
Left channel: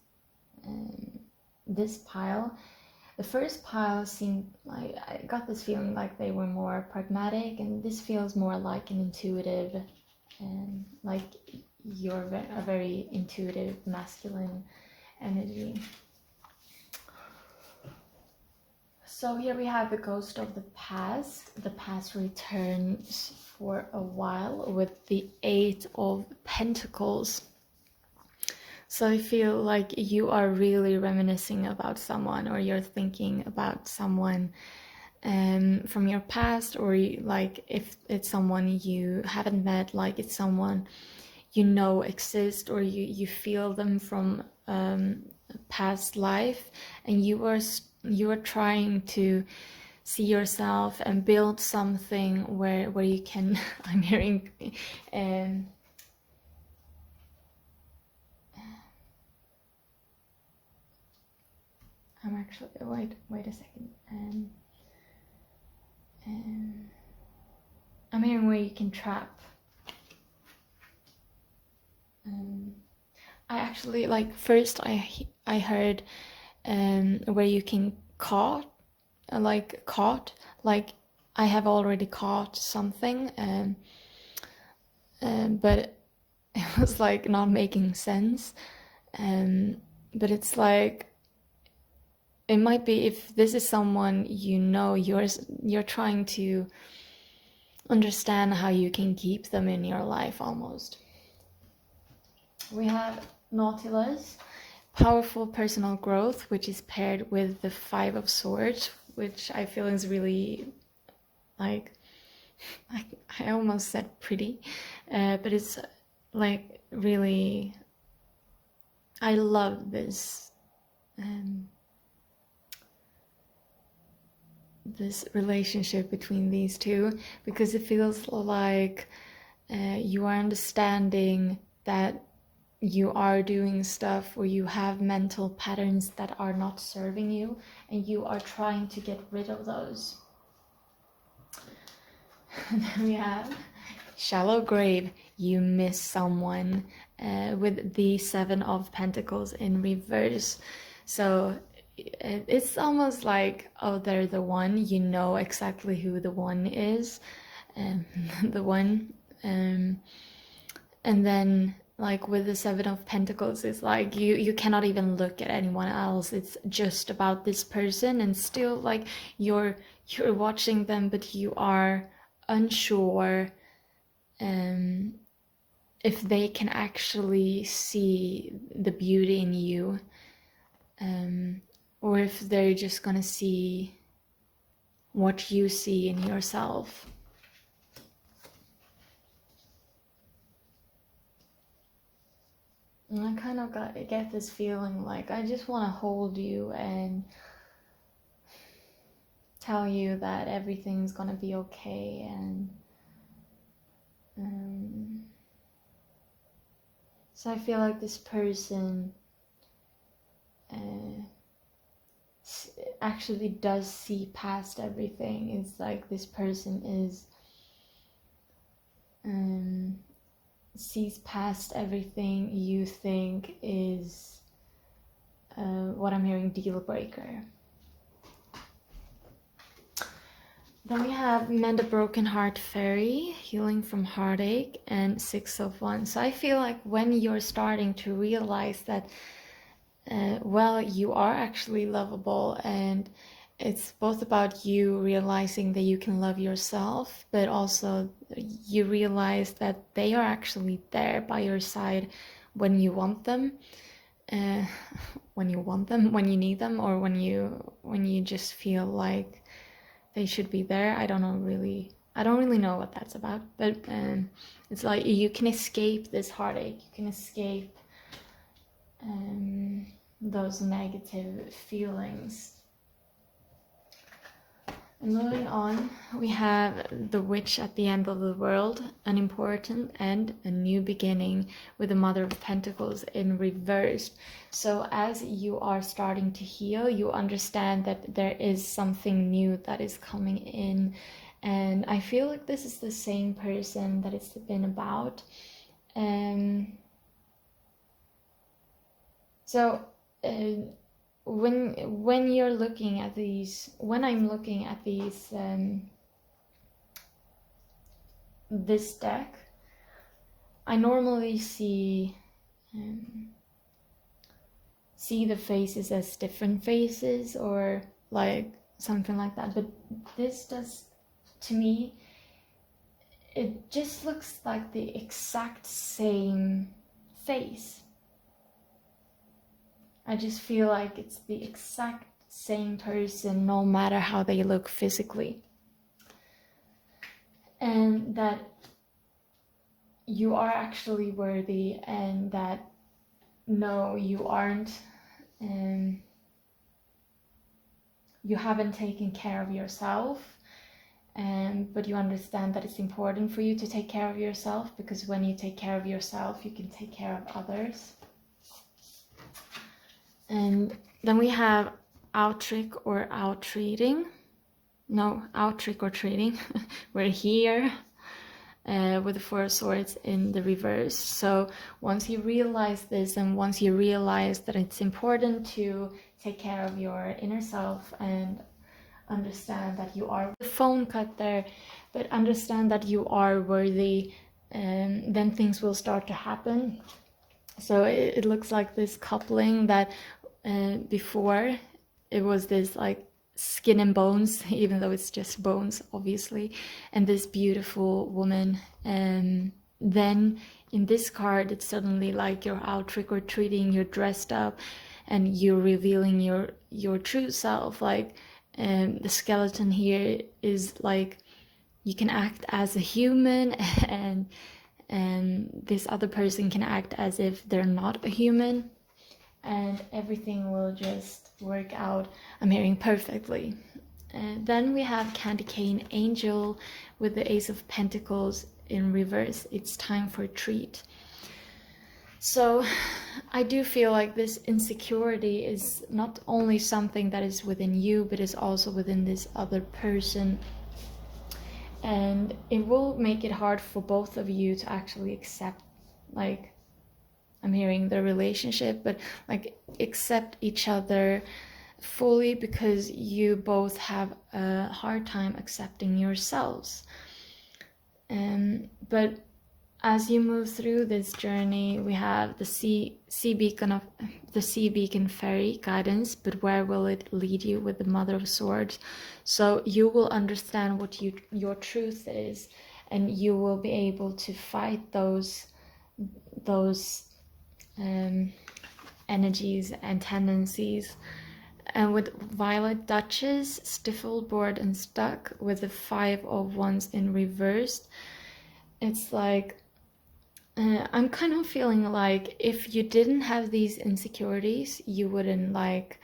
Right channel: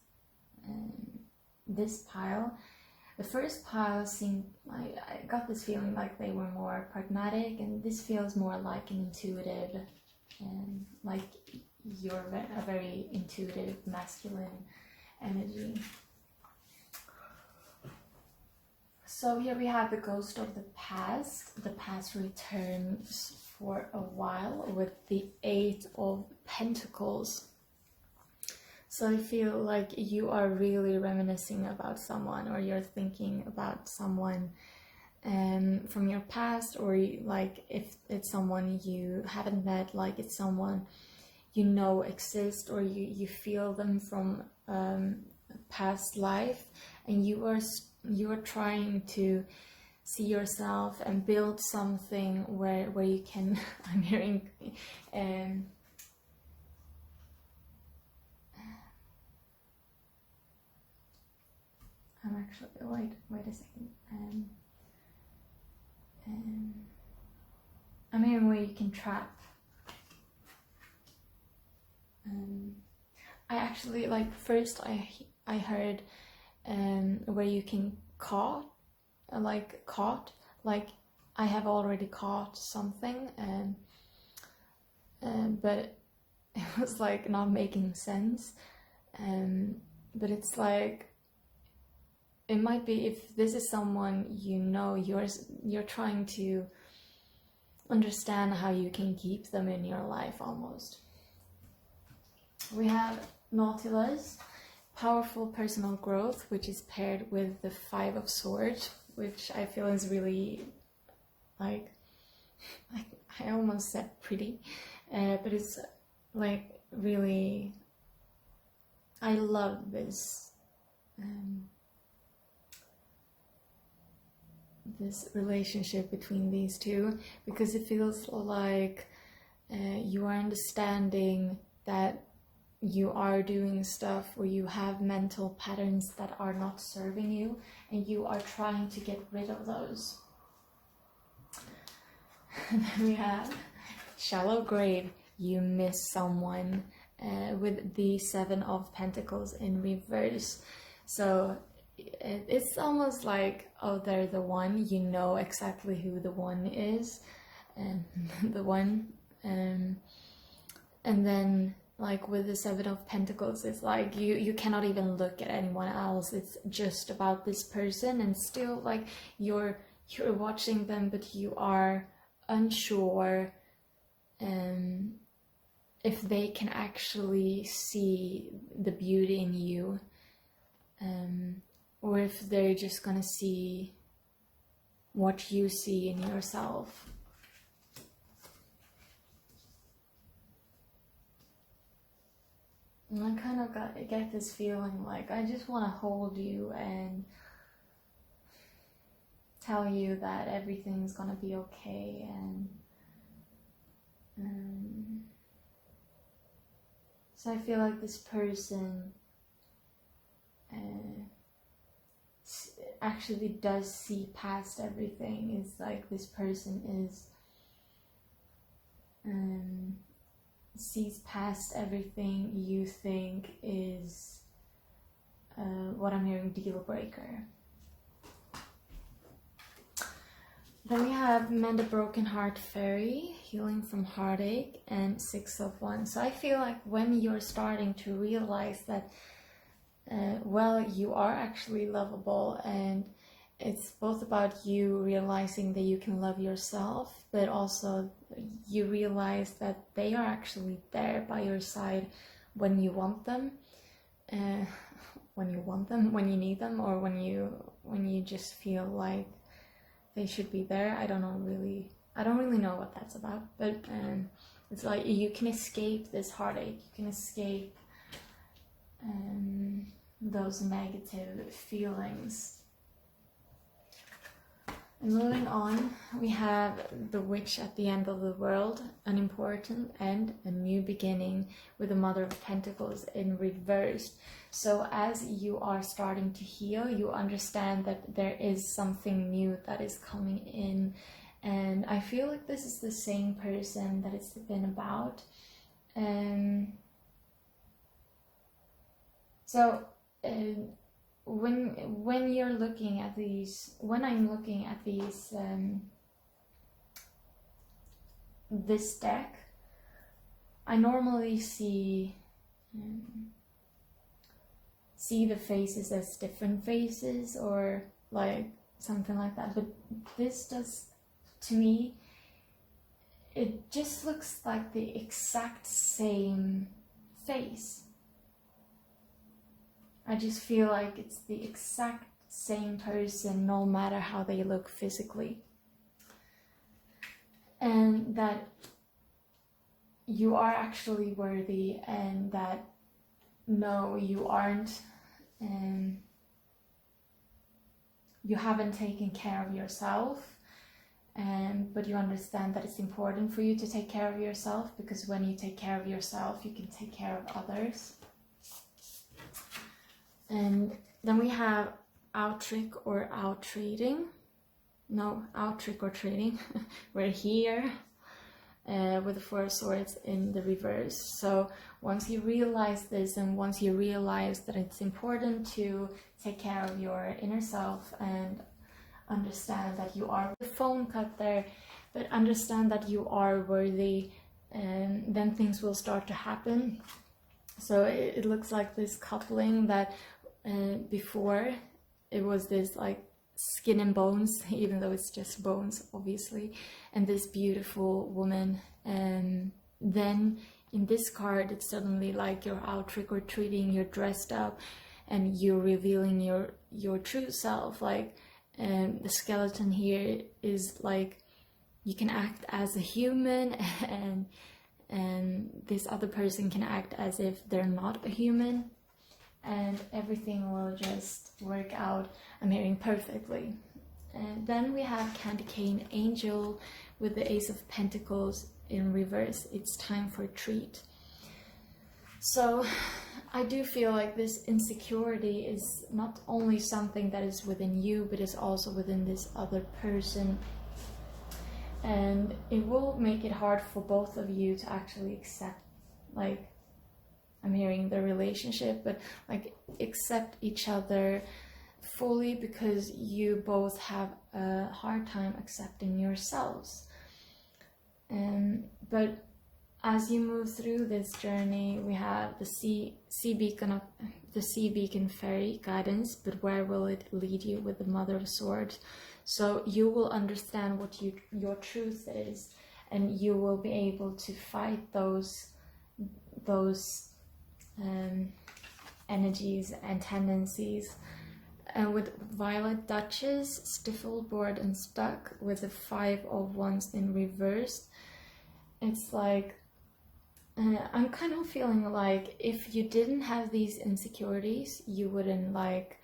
pile. The first pile seemed like, I got this feeling like they were more pragmatic, and this feels more like an intuitive, like you're a very intuitive masculine energy. So here we have the ghost of the past. The past returns for a while with the 8 of Pentacles. So I feel like you are really reminiscing about someone, or you're thinking about someone from your past, or like if it's someone you haven't met, like it's someone you know exist, or you feel them from past life, and you are trying to see yourself and build something where you can I'm hearing I'm actually wait a second, I'm hearing where you can trap. I actually, like, first I heard where you can caught, like I have already caught something, but it was like not making sense, but it's like, it might be, if this is someone you know, you're trying to understand how you can keep them in your life almost. We have Nautilus, powerful personal growth, which is paired with the 5 of Swords, which I feel is really, like, I almost said pretty, but it's like really, I love this this relationship between these two, because it feels like you are understanding that you are doing stuff, or you have mental patterns that are not serving you, and you are trying to get rid of those. And then we have Shallow Grave, you miss someone, with the 7 of Pentacles in reverse. So it's almost like, oh, they're the one, you know exactly who the one is, the one, and then like with the 7 of Pentacles, it's like you cannot even look at anyone else. It's just about this person, and still like you're watching them, but you are unsure if they can actually see the beauty in you, or if they're just gonna see what you see in yourself. And I kind of get this feeling like I just want to hold you and tell you that everything's gonna be okay, and so I feel like this person actually does see past everything. It's like this person is sees past everything you think is what I'm hearing, deal breaker. Then we have Mend a Broken Heart Fairy, Healing from Heartache, and Six of Wands. So I feel like when you're starting to realize that, well, you are actually lovable, and it's both about you realizing that you can love yourself, but also you realize that they are actually there by your side when you want them, when you need them, or when you just feel like they should be there. I don't really know what that's about, but it's like you can escape this heartache, you can escape those negative feelings. And moving on, we have the Witch at the end of the world, an important end, a new beginning, with the Mother of Pentacles in reverse. So as you are starting to heal, you understand that there is something new that is coming in. And I feel like this is the same person that it's been about. When you're looking at these, when I'm looking at these, this deck, I normally see the faces as different faces, or like something like that, but this does, to me, it just looks like the exact same face. I just feel like it's the exact same person, no matter how they look physically. And that you are actually worthy, and that no, you aren't, and you haven't taken care of yourself, but you understand that it's important for you to take care of yourself, because when you take care of yourself, you can take care of others. And then we have out-trick or out-treating. No, out-trick or treating. We're here with the Four of Swords in the reverse. So once you realize this, and once you realize that it's important to take care of your inner self and understand that you are, the phone cut there, but understand that you are worthy, and then things will start to happen. So it looks like this coupling that before it was this like skin and bones, even though it's just bones, obviously, and this beautiful woman. And then in this card, it's suddenly like you're out trick-or-treating, you're dressed up, and you're revealing your true self. Like the skeleton here is like you can act as a human, and this other person can act as if they're not a human, and everything will just work out, I'm hearing, perfectly. And then we have Candy Cane Angel with the Ace of Pentacles in reverse. It's time for a treat. So I do feel like this insecurity is not only something that is within you, but is also within this other person. And it will make it hard for both of you to actually accept, like, I'm hearing the relationship, but like accept each other fully, because you both have a hard time accepting yourselves. But as you move through this journey, we have the sea beacon fairy guidance, but where will it lead you, with the Mother of Swords? So you will understand what your truth is, and you will be able to fight those energies and tendencies. And with Violet Duchess, stifled, bored, and stuck, with the Five of Wands in reverse, it's like I'm kind of feeling like if you didn't have these insecurities, you wouldn't like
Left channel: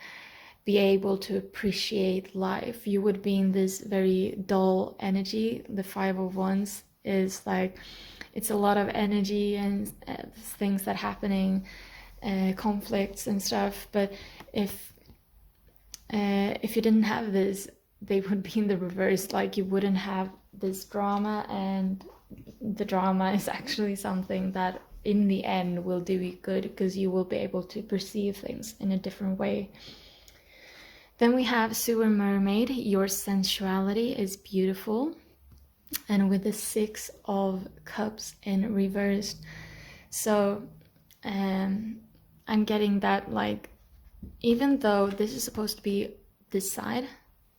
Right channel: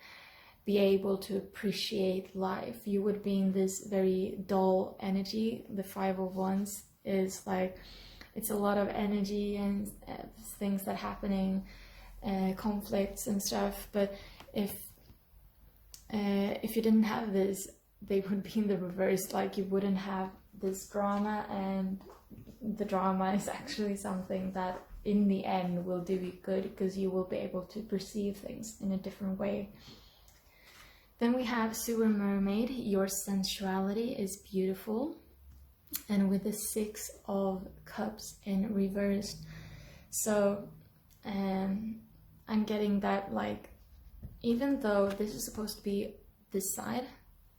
be able to appreciate life. You would be in this very dull energy. The Five of Wands is like, it's a lot of energy and things that happening, conflicts and stuff. But if you didn't have this, they would be in the reverse. Like you wouldn't have this drama and the drama is actually something that in the end will do you good, because you will be able to perceive things in a different way. Then we have Sewer Mermaid. Your sensuality is beautiful. And with the 6 of Cups in reversed. So I'm getting that, like, even though this is supposed to be this side,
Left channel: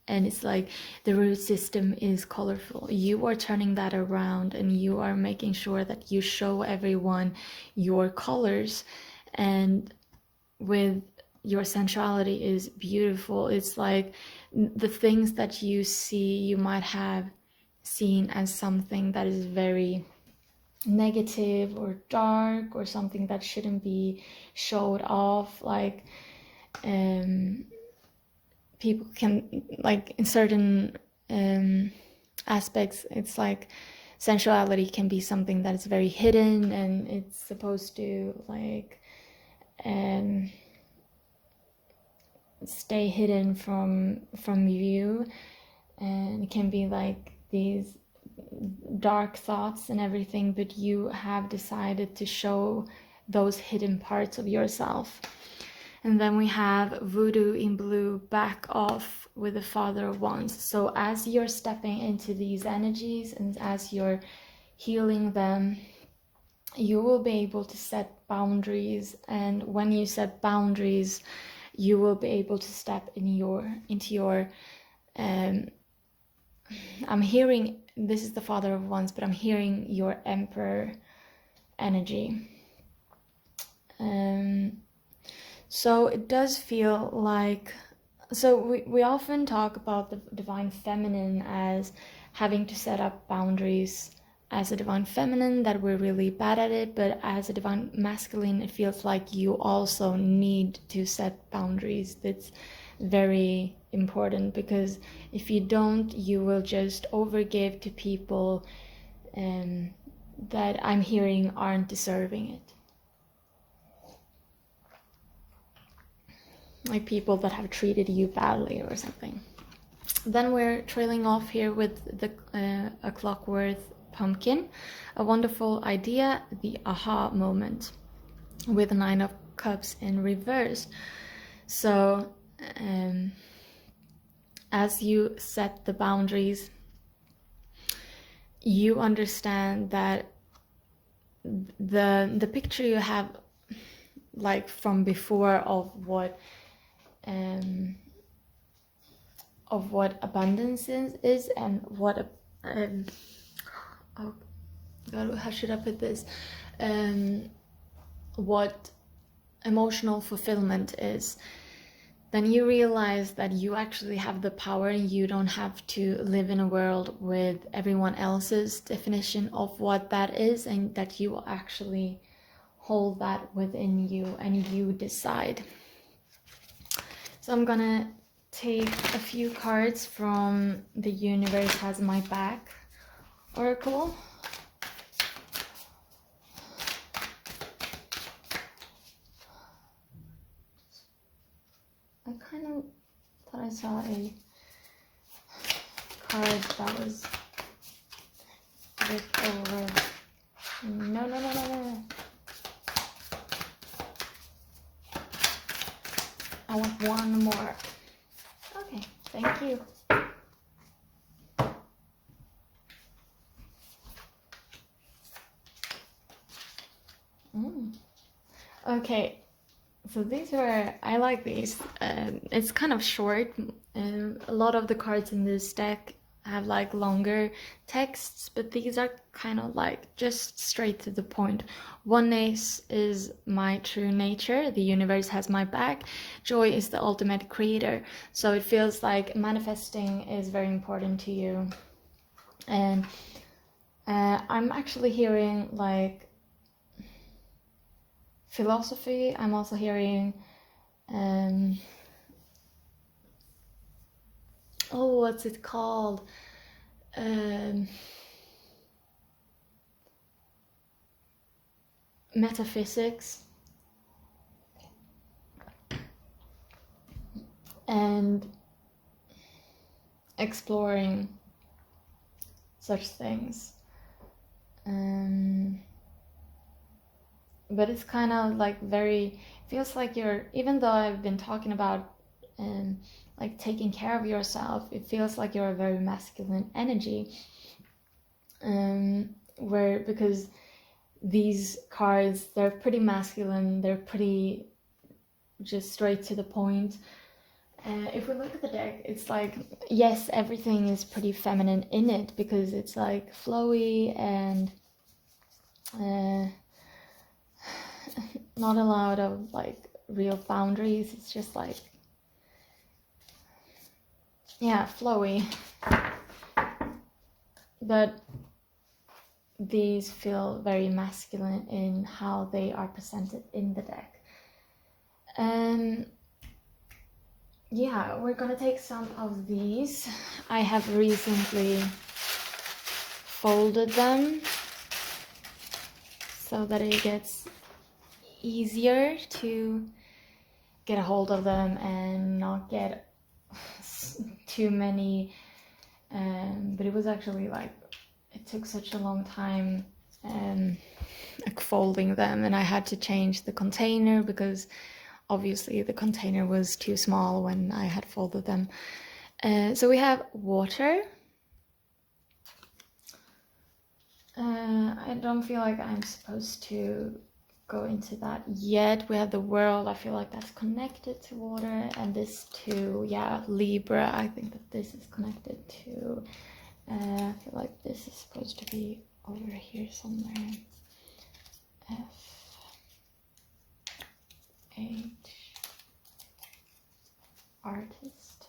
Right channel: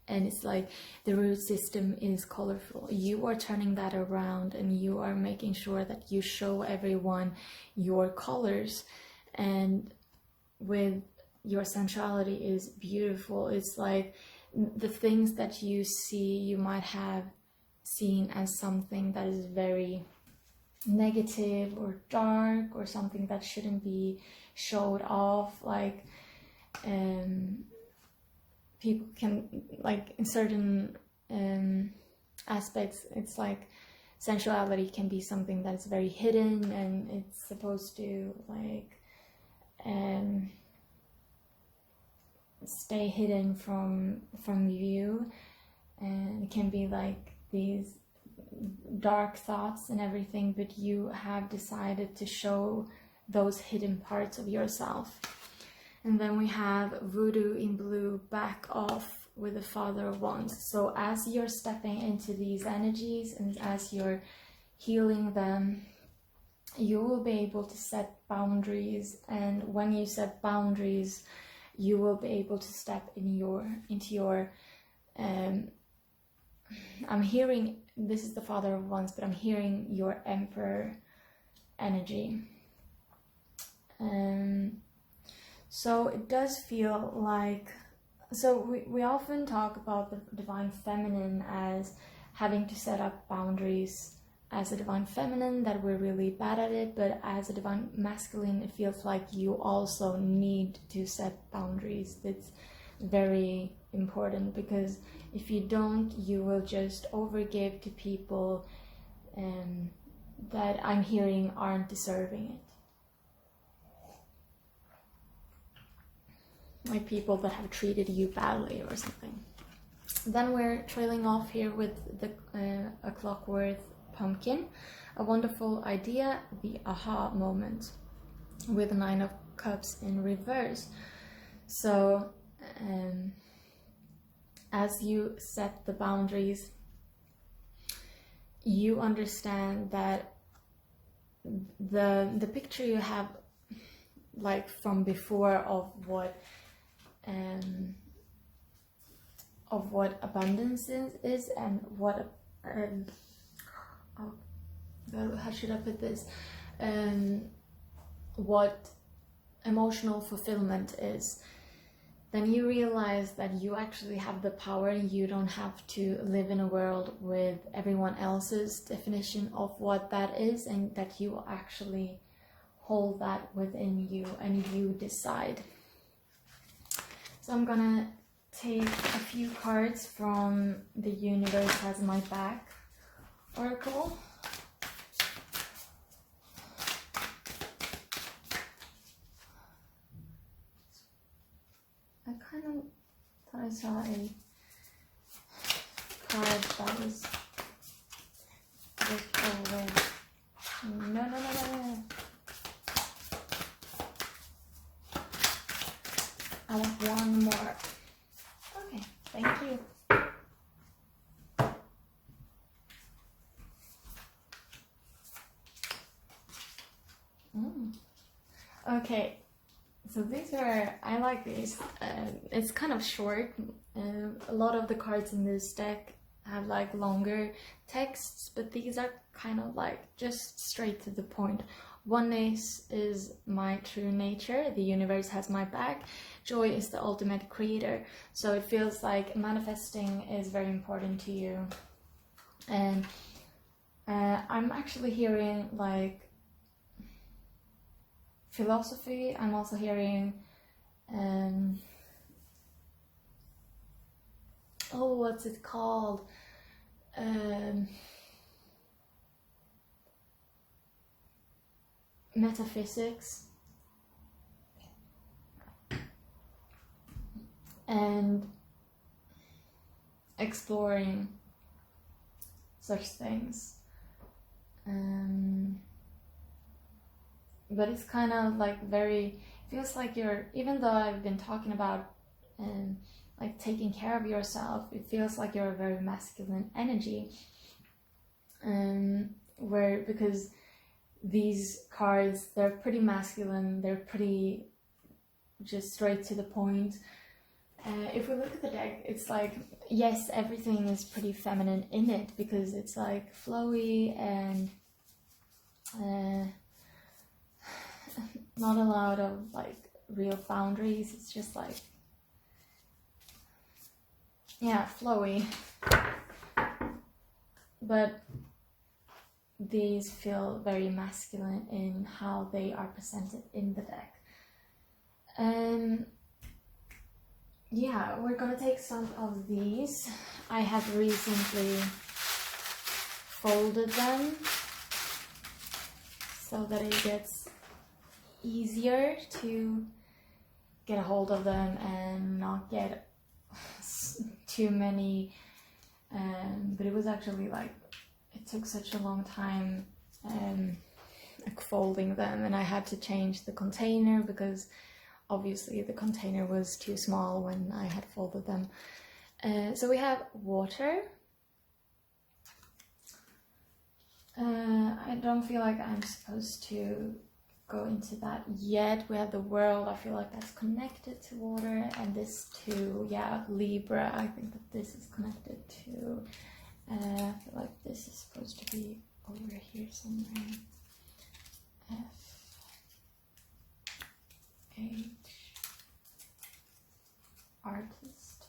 and it's like the root system is colorful, you are turning that around and you are making sure that you show everyone your colors. And with your sensuality is beautiful. It's like the things that you see, you might have seen as something that is very negative or dark, or something that shouldn't be showed off. Like people can, like, in certain aspects, it's like sensuality can be something that is very hidden, and it's supposed to, like, stay hidden from view. And it can be like these dark thoughts and everything, but you have decided to show those hidden parts of yourself. And then we have Voodoo in blue, back off, with the Father of Wands. So as you're stepping into these energies and as you're healing them, you will be able to set boundaries. And when you set boundaries, you will be able to step into your I'm hearing, this is the Father of Wands, but I'm hearing your Emperor energy. So it does feel like, so we often talk about the divine feminine as having to set up boundaries as a divine feminine, that we're really bad at it, but as a divine masculine, it feels like you also need to set boundaries. That's very important, because if you don't, you will just overgive to people that I'm hearing aren't deserving it. Like people that have treated you badly or something. Then we're trailing off here with the a Clockwork Pumpkin, a wonderful idea, the aha moment, with the 9 of Cups in reverse. So as you set the boundaries, you understand that the picture you have, like from before, of what abundance is and what oh God, how should I put this, what emotional fulfillment is, then you realize that you actually have the power, and you don't have to live in a world with everyone else's definition of what that is, and that you actually hold that within you and you decide. So I'm gonna take a few cards from the Universe Has My Back Oracle. I kind of thought I saw a card that was flipped over. No. I want one more. Okay, thank you. Okay, so these are, I like these. It's kind of short. A lot of the cards in this deck have like longer texts, but these are kind of like just straight to the point. Oneness is my true nature. The universe has my back. Joy is the ultimate creator. So it feels like manifesting is very important to you. And I'm actually hearing like philosophy. I'm also hearing oh, what's it called? Metaphysics and exploring such things. But it's kind of like very, feels like you're, even though I've been talking about like taking care of yourself, it feels like you're a very masculine energy, where, because these cards, they're pretty masculine, they're pretty just straight to the point. If we look at the deck, it's like, yes, everything is pretty feminine in it, because it's like flowy and not a lot of like real boundaries. It's just like, yeah, flowy. But these feel very masculine in how they are presented in the deck. Yeah, we're gonna take some of these. I have recently folded them so that it gets easier to get a hold of them and not get too many. But it was actually like, it took such a long time like folding them, and I had to change the container because obviously the container was too small when I had folded them. So we have water. I don't feel like I'm supposed to go into that yet. We have the world. I feel like that's connected to water, and this too, yeah, Libra. I think that this is connected to, I feel like this is supposed to be over here somewhere. F H, artist,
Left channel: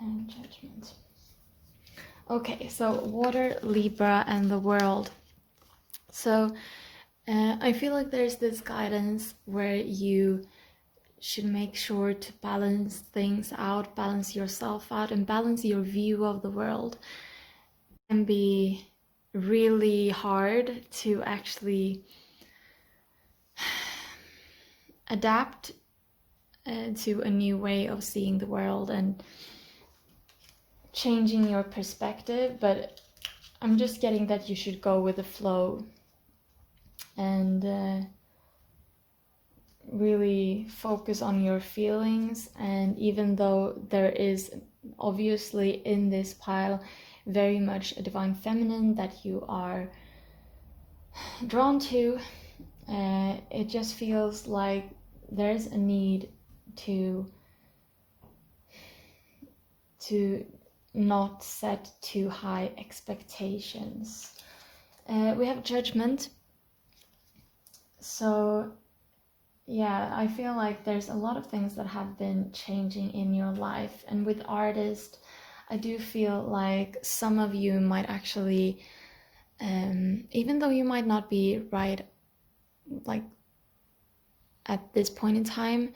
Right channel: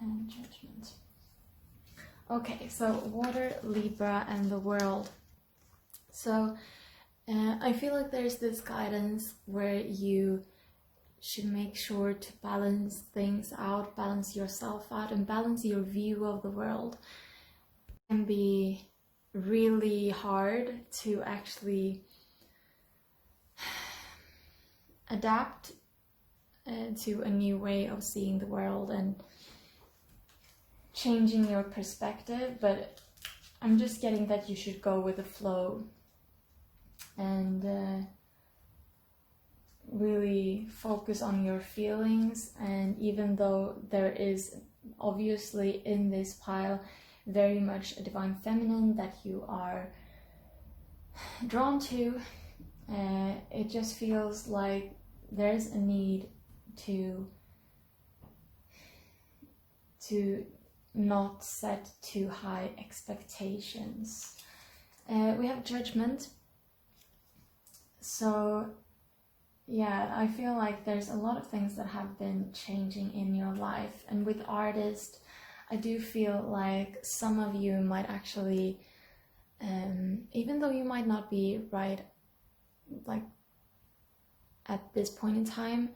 and judgment. Okay, so water, Libra, and the world. So I feel like there's this guidance where you should make sure to balance things out, balance yourself out, and balance your view of the world. It can be really hard to actually adapt to a new way of seeing the world and changing your perspective, but I'm just getting that you should go with the flow and really focus on your feelings. And even though there is obviously in this pile very much a divine feminine that you are drawn to, it just feels like there's a need to not set too high expectations. We have judgment. So yeah, I feel like there's a lot of things that have been changing in your life. And with artist, I do feel like some of you might actually, even though you might not be right like at this point in time,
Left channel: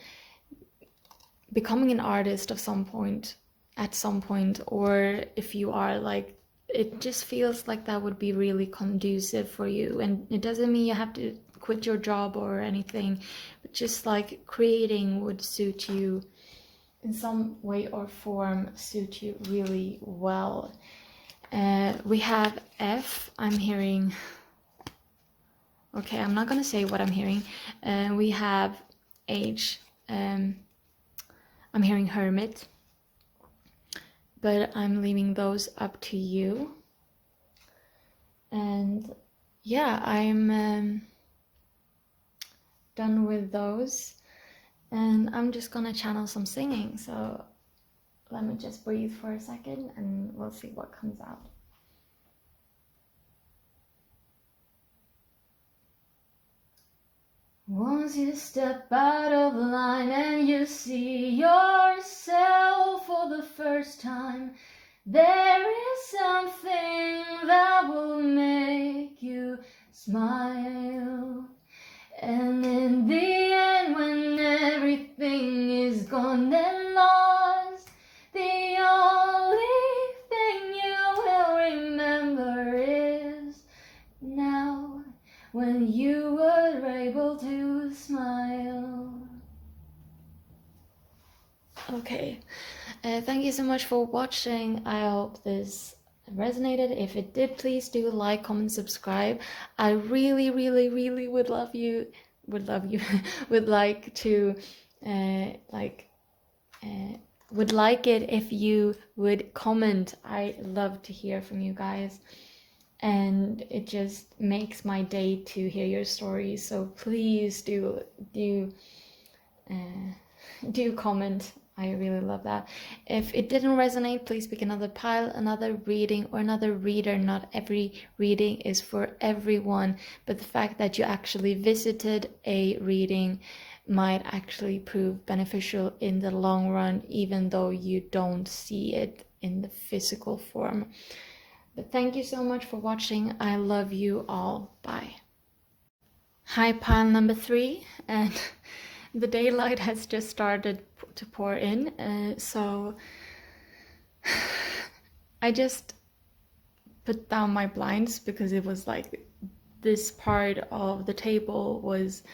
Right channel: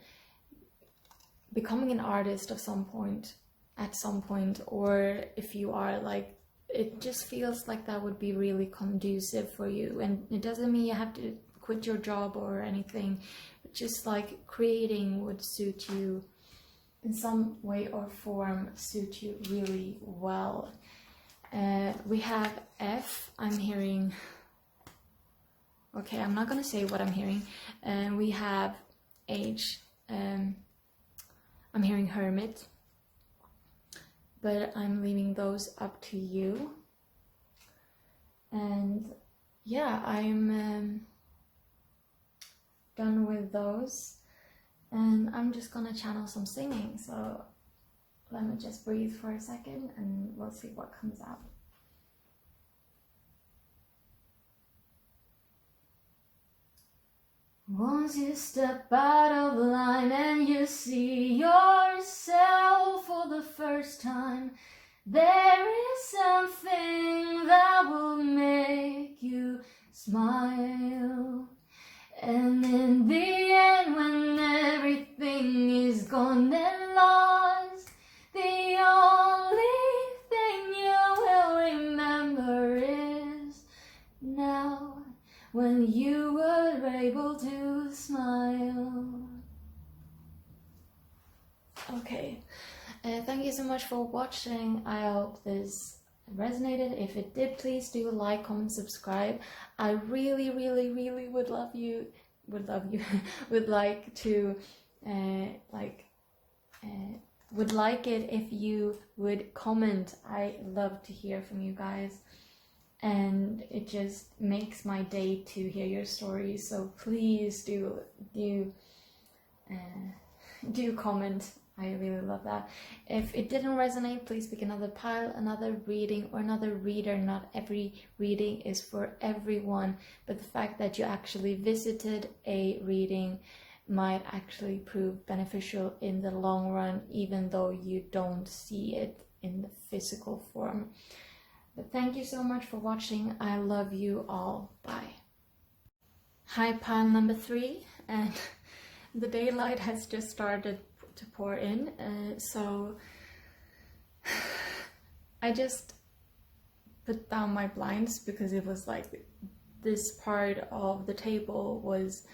becoming an artist at some point, or if you are, like, it just feels like that would be really conducive for you. And it doesn't mean you have to quit your job or anything, but just like creating would suit you in some way or form, suit you really well. We have F. I'm hearing, okay, I'm not gonna say what I'm hearing. We have H. I'm hearing hermit, but I'm leaving those up to you. And yeah, I'm done with those, and I'm just gonna channel some singing. So let me just breathe for a second and we'll see what comes out. Once you step out of line and you see yourself for the first time, there is something that will make you smile. And in the end, when everything is gone and lost, the only thing you will remember is now, when you were able to smile. Okay, thank you so much for watching. I hope this resonated. If it did, please do like, comment, subscribe. I really, really, really would love you, would like to would like it if you would comment. I love to hear from you guys, and it just makes my day to hear your stories. So please do comment. I really love that. If it didn't resonate, please pick another pile, another reading, or another reader. Not every reading is for everyone, but the fact that you actually visited a reading might actually prove beneficial in the long run, even though you don't see it in the physical form. But thank you so much for watching. I love you all. Bye. Hi, pile number 3, and the daylight has just started to pour in, so I just put down my blinds because it was like this part of the table was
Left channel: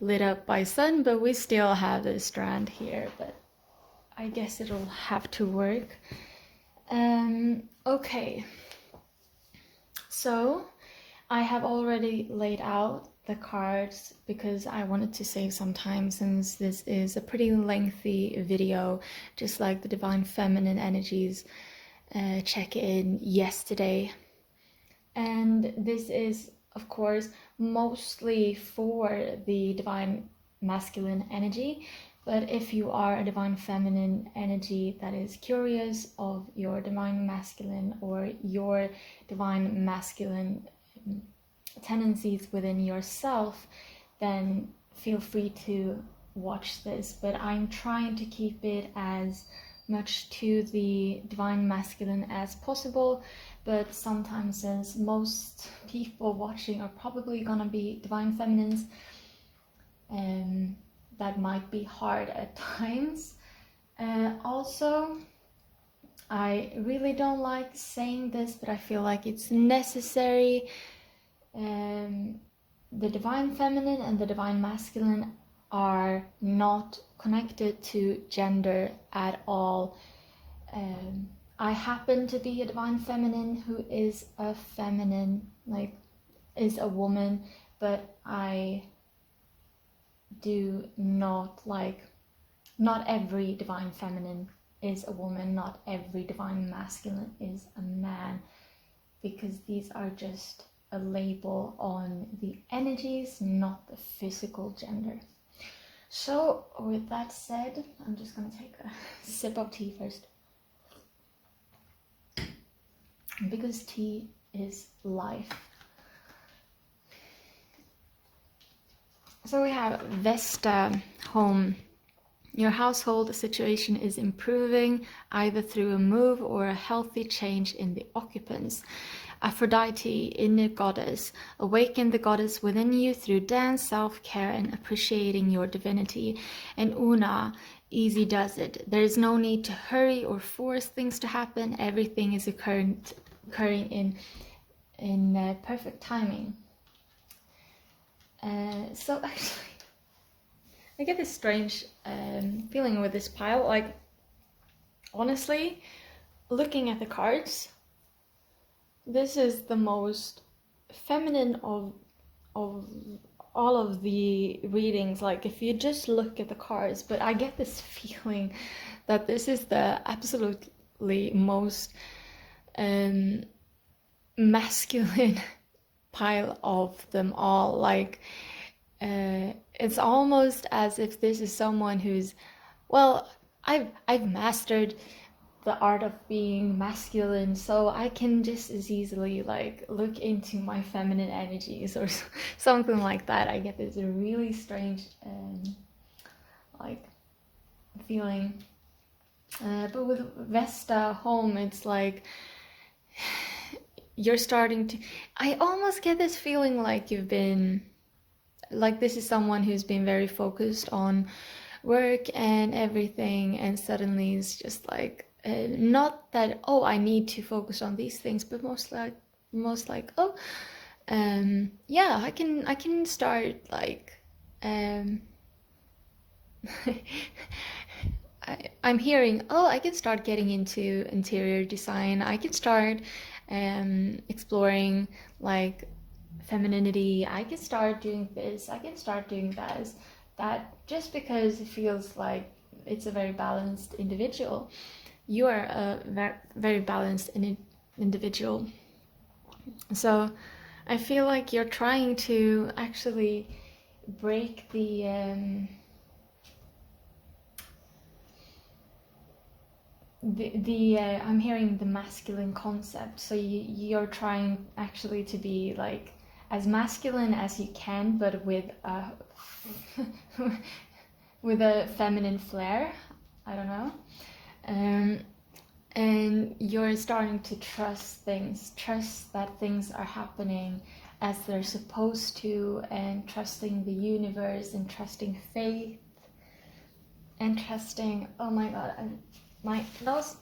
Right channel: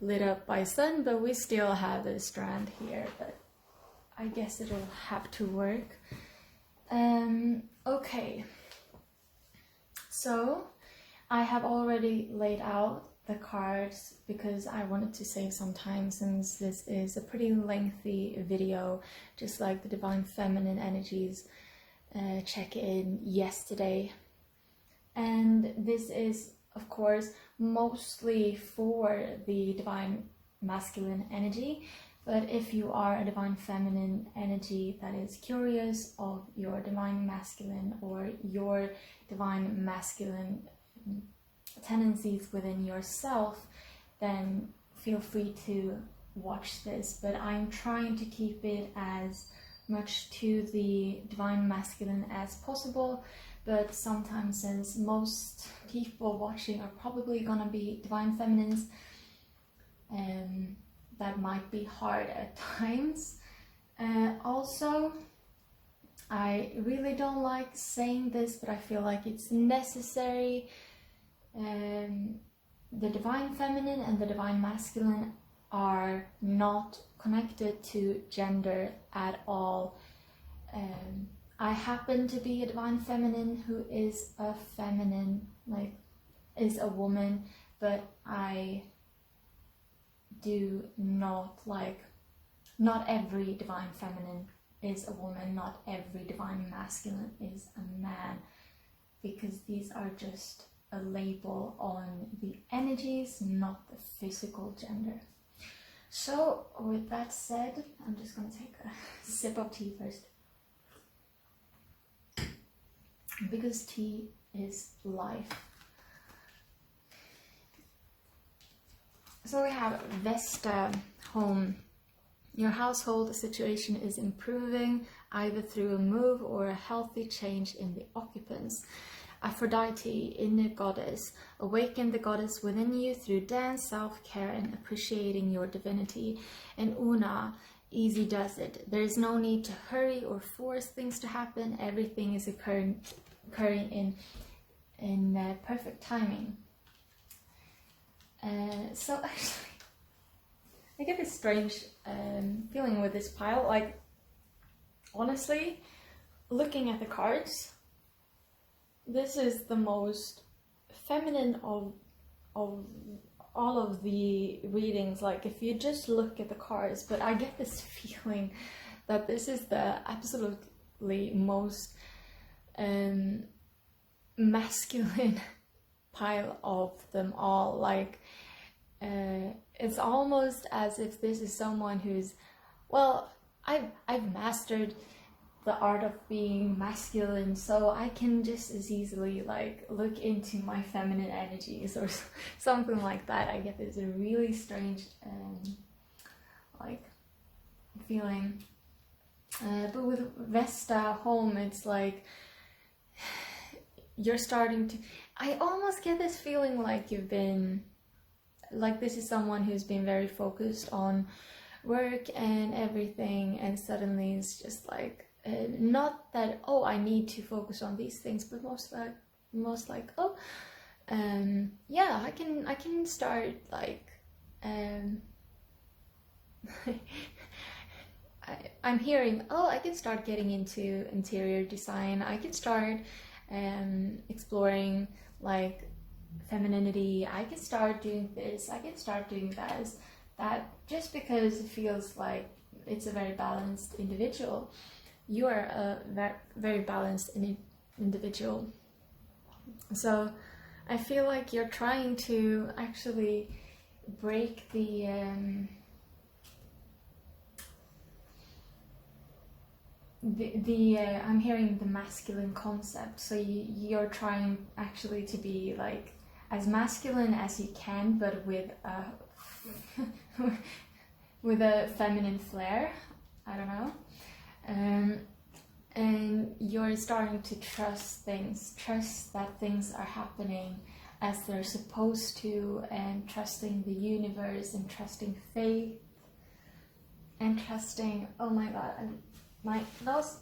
lit up by sun, but we still have this strand here, but I guess it'll have to work. Okay, so I have already laid out the cards because I wanted to save some time, since this is a pretty lengthy video, just like the Divine Feminine Energies check-in yesterday. And this is, of course, mostly for the Divine Masculine energy, but if you are a Divine Feminine energy that is curious of your Divine Masculine or your Divine Masculine tendencies within yourself, then feel free to watch this. But I'm trying to keep it as much to the Divine Masculine as possible, but sometimes, since most people watching are probably gonna be Divine Feminines, that might be hard at times. Also, I really don't like saying this, but I feel like it's necessary. The Divine Feminine and the Divine Masculine are not connected to gender at all. I happen to be a Divine Feminine who is a feminine, like is a woman, but I do not like, not every Divine Feminine is a woman, not every Divine Masculine is a man, because these are just a label on the energies, not the physical gender. So with that said, I'm just gonna take a sip of tea first, because tea is life. So we have Vesta home. Your household situation is improving, either through a move or a healthy change in the occupants. Aphrodite, inner goddess, awaken the goddess within you through dance, self-care, and appreciating your divinity. And Una, easy does it. There is no need to hurry or force things to happen. Everything is occurring in perfect timing. So actually, I get this strange feeling with this pile. Like, honestly, looking at the cards, this is the most feminine of all of the readings. Like, if you just look at the cards, but I get this feeling that this is the absolutely most masculine pile of them all. Like, it's almost as if this is someone who's, well, I've mastered the art of being masculine, so I can just as easily like look into my feminine energies or something like that. I get this really strange like feeling, but with Vesta home, it's like you're starting to, I almost get this feeling like you've been, like this is someone who's been very focused on work and everything, and suddenly it's just like, not that, oh, I need to focus on these things, but most like, oh, yeah, I can start like, I'm hearing, oh, I can start getting into interior design. I can start exploring like femininity. I can start doing this, I can start doing this, that, just because it feels like it's a very balanced individual. You are a very balanced individual. So I feel like you're trying to actually break the I'm hearing the masculine concept. So you're trying actually to be like as masculine as you can, but with a with a feminine flair. I don't know. And you're starting to trust that things are happening as they're supposed to, and trusting the universe, and trusting faith, and trusting, oh my god, my nose,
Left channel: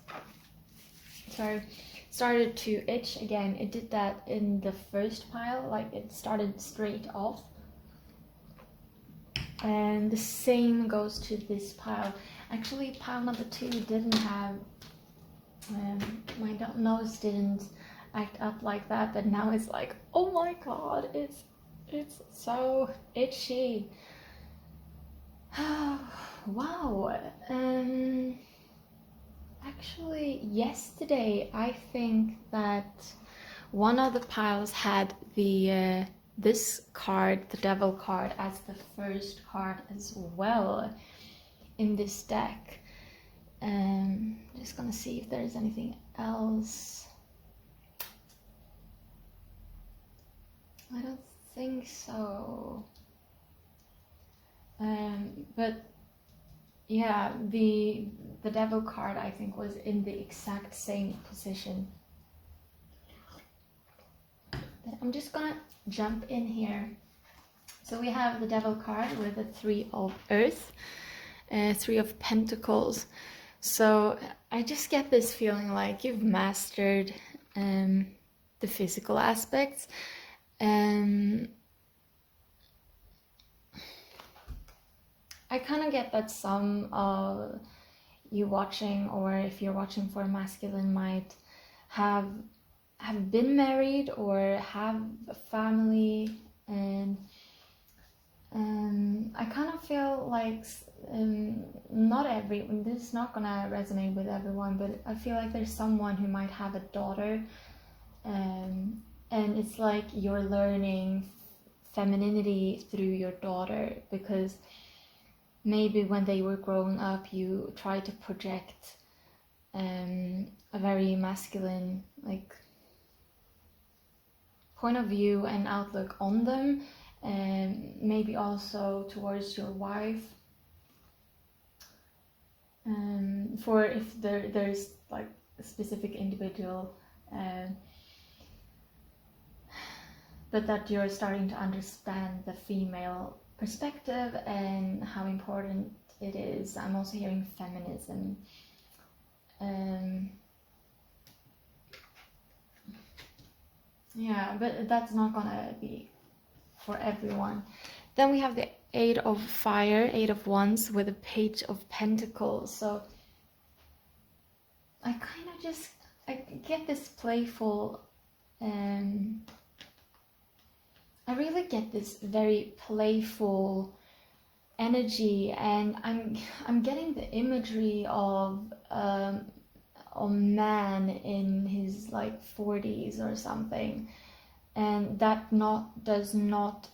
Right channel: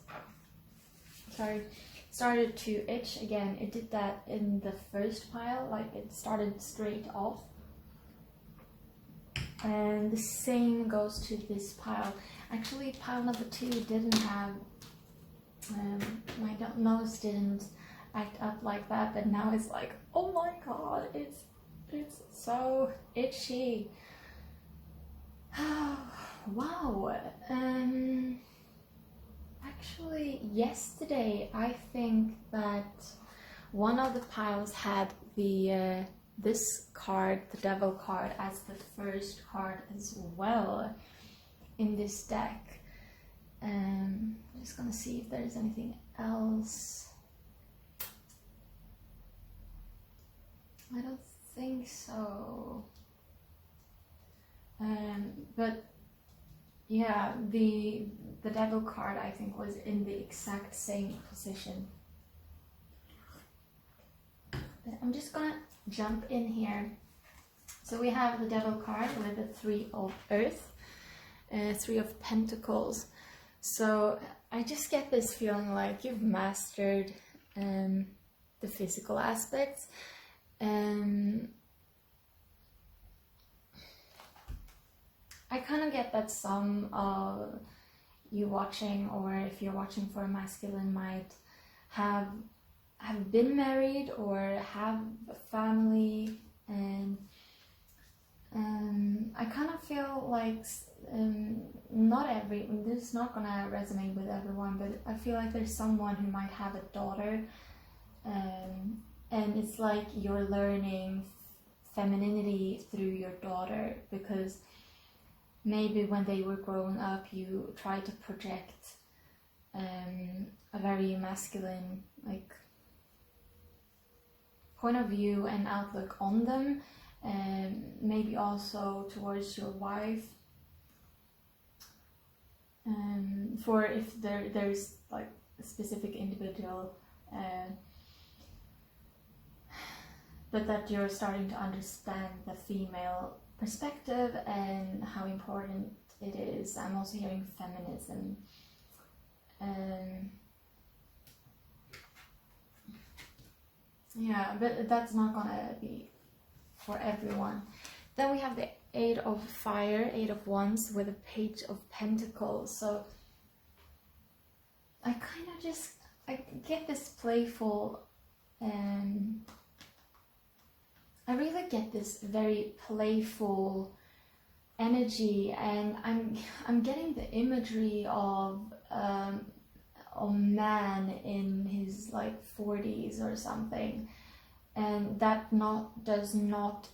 sorry, started to itch again. It did that in the first pile, like it started straight off. And the same goes to this pile. Actually, pile number 2 didn't have, my nose didn't act up like that, but now it's like, oh my god, it's so itchy. Wow. Actually, yesterday I think that one of the piles had the this card, the Devil card, as the first card as well in this deck. Just gonna see if there's anything else. I don't think so. But yeah, the Devil card I think was in the exact same position. But I'm just gonna jump in here. So we have the Devil card with the 3 of Earth, 3 of Pentacles. So I just get this feeling like you've mastered the physical aspects. I kind of get that some of you watching, or if you're watching for a masculine, might have been married or have a family, and I kind of feel like this is not gonna resonate with everyone, but I feel like there's someone who might have a daughter, and it's like you're learning femininity through your daughter, because maybe when they were growing up you tried to project a very masculine like point of view and outlook on them, and maybe also towards your wife, for if there's like a specific individual, but that you're starting to understand the female perspective and how important it is. I'm also hearing feminism. Yeah, but that's not gonna be for everyone. Then we have the 8 of Fire, 8 of Wands with a Page of Pentacles. So I kind of just, I get this playful, I really get this very playful energy, and I'm getting the imagery of a man in his like 40s or something, and that does not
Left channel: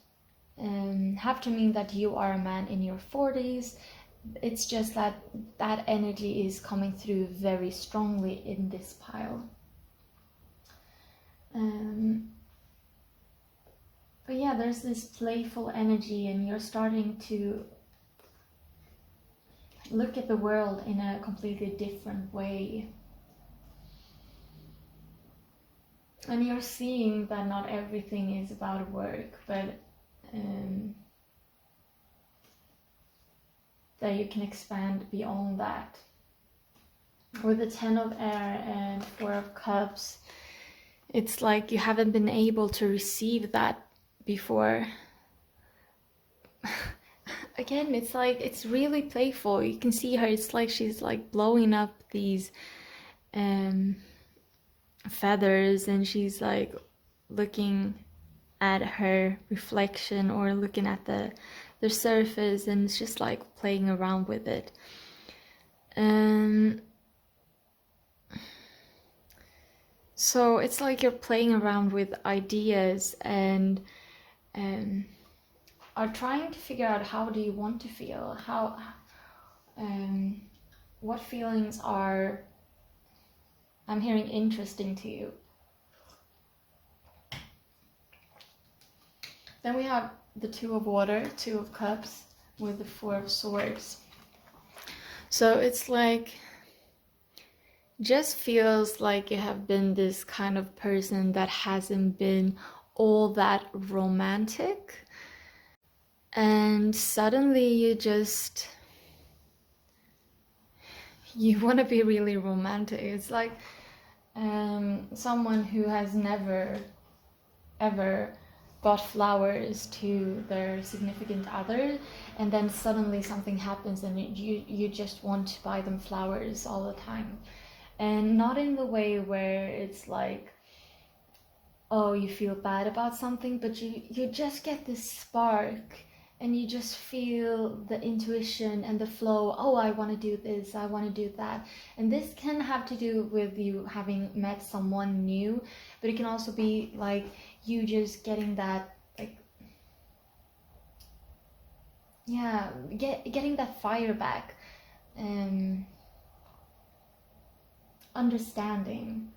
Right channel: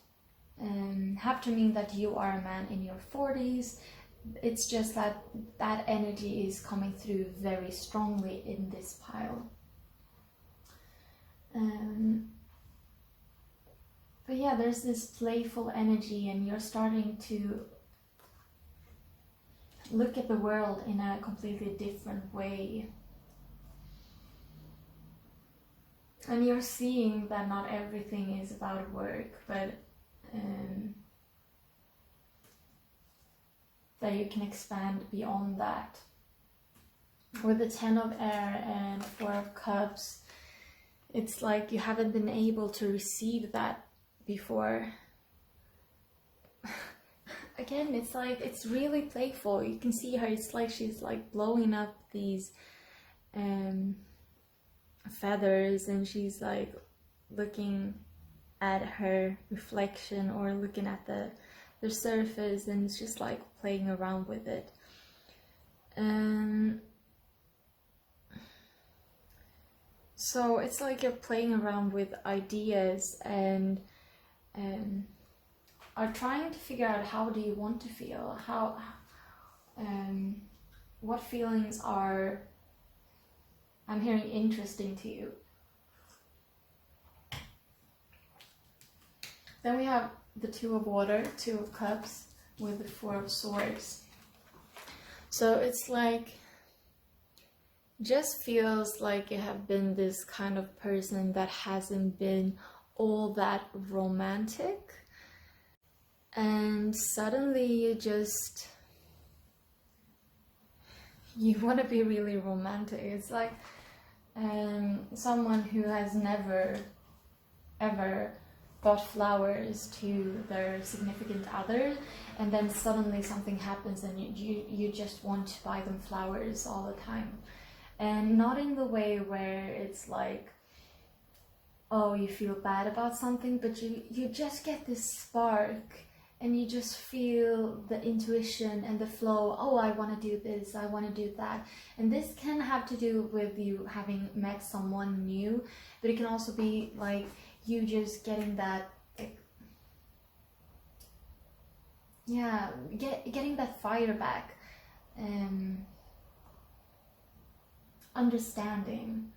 have to mean that you are a man in your 40s. It's just that energy is coming through very strongly in this pile. But yeah, there's this playful energy, and you're starting to look at the world in a completely different way. And you're seeing that not everything is about work, but that you can expand beyond that. With the 10 of Air and 4 of Cups, it's like you haven't been able to receive that before. Again, it's like, it's really playful. You can see her, it's like she's like blowing up these feathers, and she's like looking at her reflection or looking at the surface, and it's just like playing around with it. So it's like you're playing around with ideas and are trying to figure out how do you want to feel, how what feelings are, I'm hearing, interesting to you. Then we have the Two of Water, Two of Cups with the Four of Swords. So it's like, just feels like you have been this kind of person that hasn't been all that romantic, and suddenly you want to be really romantic. It's like someone who has never ever got flowers to their significant other, and then suddenly something happens and you just want to buy them flowers all the time. And not in the way where it's like, oh, you feel bad about something, but you just get this spark and you just feel the intuition and the flow. Oh, I want to do this, I want to do that. And this can have to do with you having met someone new, but it can also be like you just getting that, like, yeah, getting that fire back. Understanding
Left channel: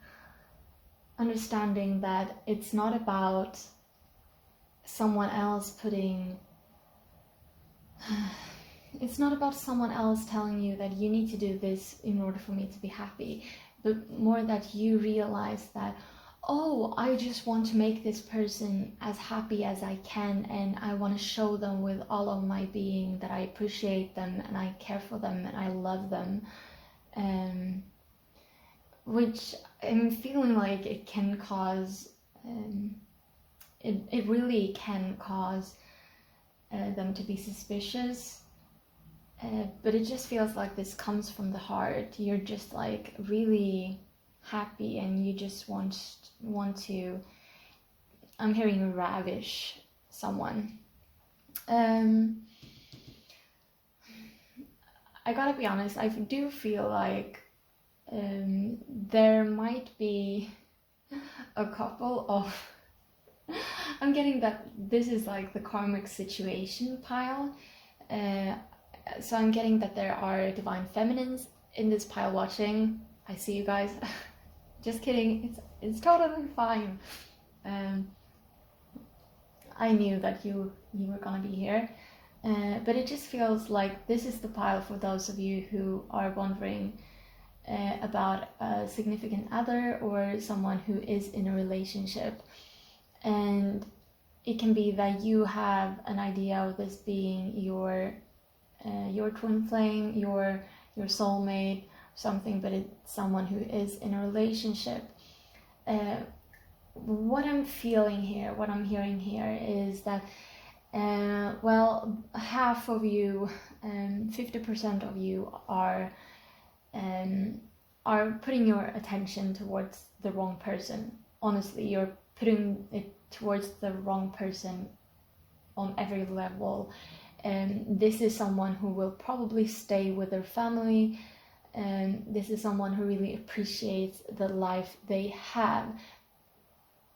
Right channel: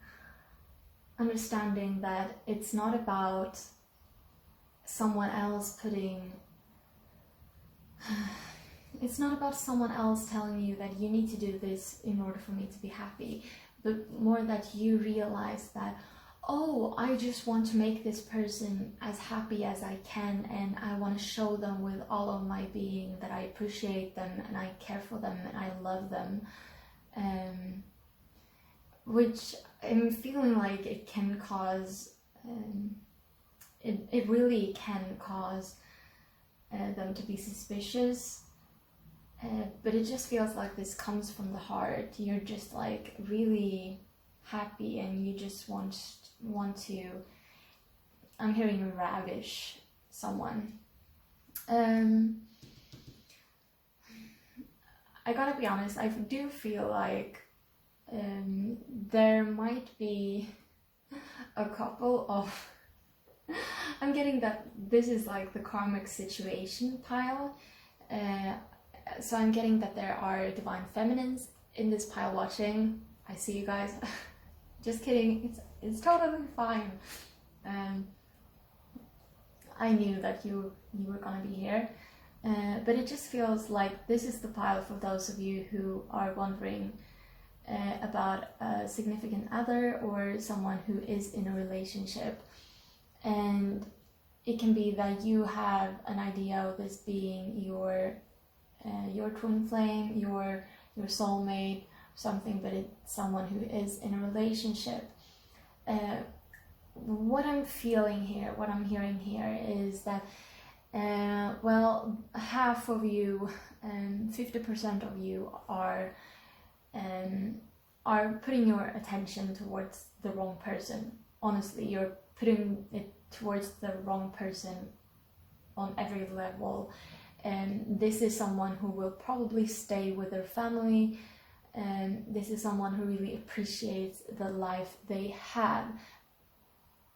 that it's not about someone else it's not about someone else telling you that you need to do this in order for me to be happy, but more that you realize that, oh, I just want to make this person as happy as I can, and I want to show them with all of my being that I appreciate them and I care for them and I love them. Which I'm feeling like it can cause, it really can cause them to be suspicious, but it just feels like this comes from the heart. You're just like really happy and you just want to, I'm hearing, ravish someone. I gotta be honest, I do feel like there might be a couple of I'm getting that this is like the karmic situation pile, so I'm getting that there are divine feminines in this pile watching. I see you guys. Just kidding, it's totally fine. I knew that you were gonna be here, but it just feels like this is the pile for those of you who are wondering about a significant other or someone who is in a relationship. And it can be that you have an idea of this being your twin flame, your soulmate, something, but it's someone who is in a relationship. What I'm feeling here, what I'm hearing here is that, well, half of you, 50% of you are putting your attention towards the wrong person. Honestly, you're putting it towards the wrong person on every level. And this is someone who will probably stay with their family. And this is someone who really appreciates the life they have.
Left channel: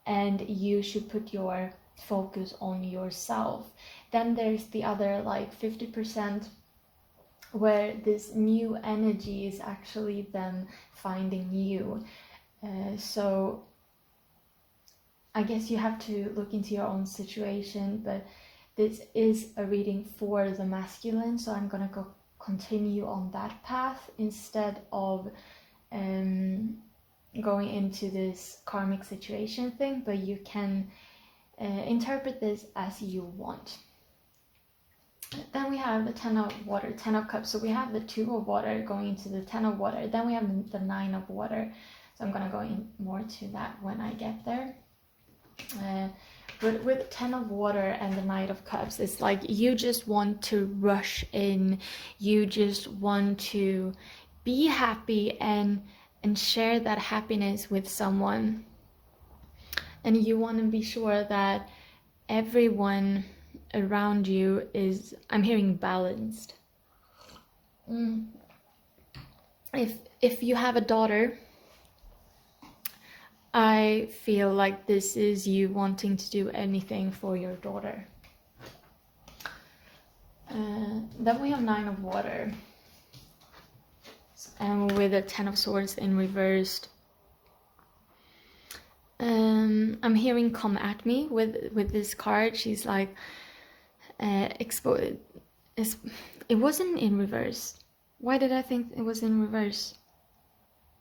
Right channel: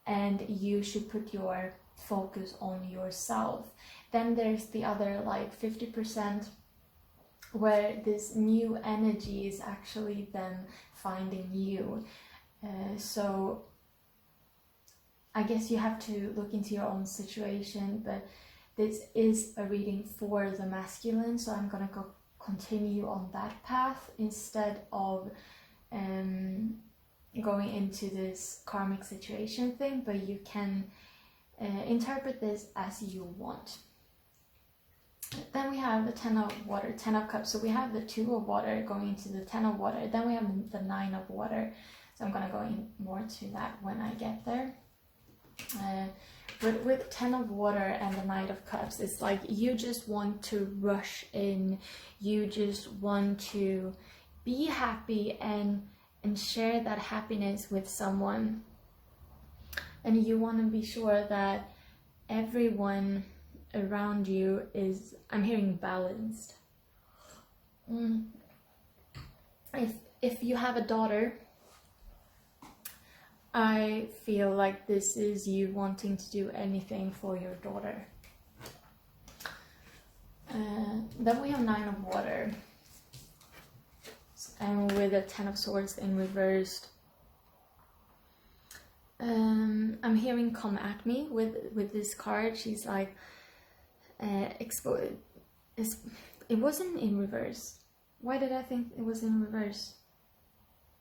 And you should put your focus on yourself. Then there's the other like 50% where this new energy is actually them finding you. So I guess you have to look into your own situation, but this is a reading for the masculine, so I'm gonna go continue on that path instead of going into this karmic situation thing, but you can interpret this as you want. Then we have the 10 of water, 10 of cups. So we have the 2 of water going into the 10 of water. Then we have the 9 of water. So I'm going to go in more to that when I get there. But with 10 of water and the 9 of cups, it's like you just want to rush in. You just want to be happy and and share that happiness with someone. And you want to be sure that everyone around you is, I'm hearing, balanced. If you have a daughter, I feel like this is you wanting to do anything for your daughter. Then we have Nine of Water, and with a Ten of Swords in reversed. I'm hearing come at me with this card. She's like, it wasn't in reverse. Why did I think it was in reverse?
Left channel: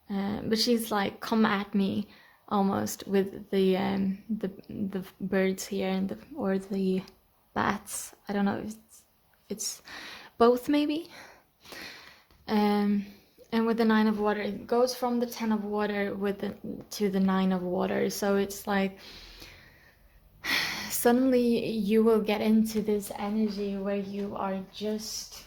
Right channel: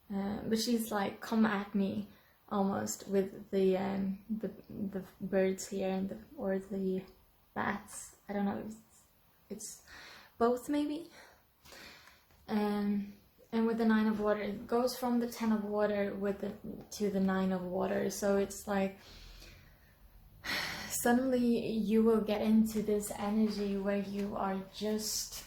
But she's like, come at me, almost, with the birds here and or the bats. I don't know if it's both, maybe. And with the Nine of Water, it goes from the Ten of Water to the Nine of Water. So it's like, suddenly you will get into this energy where you are just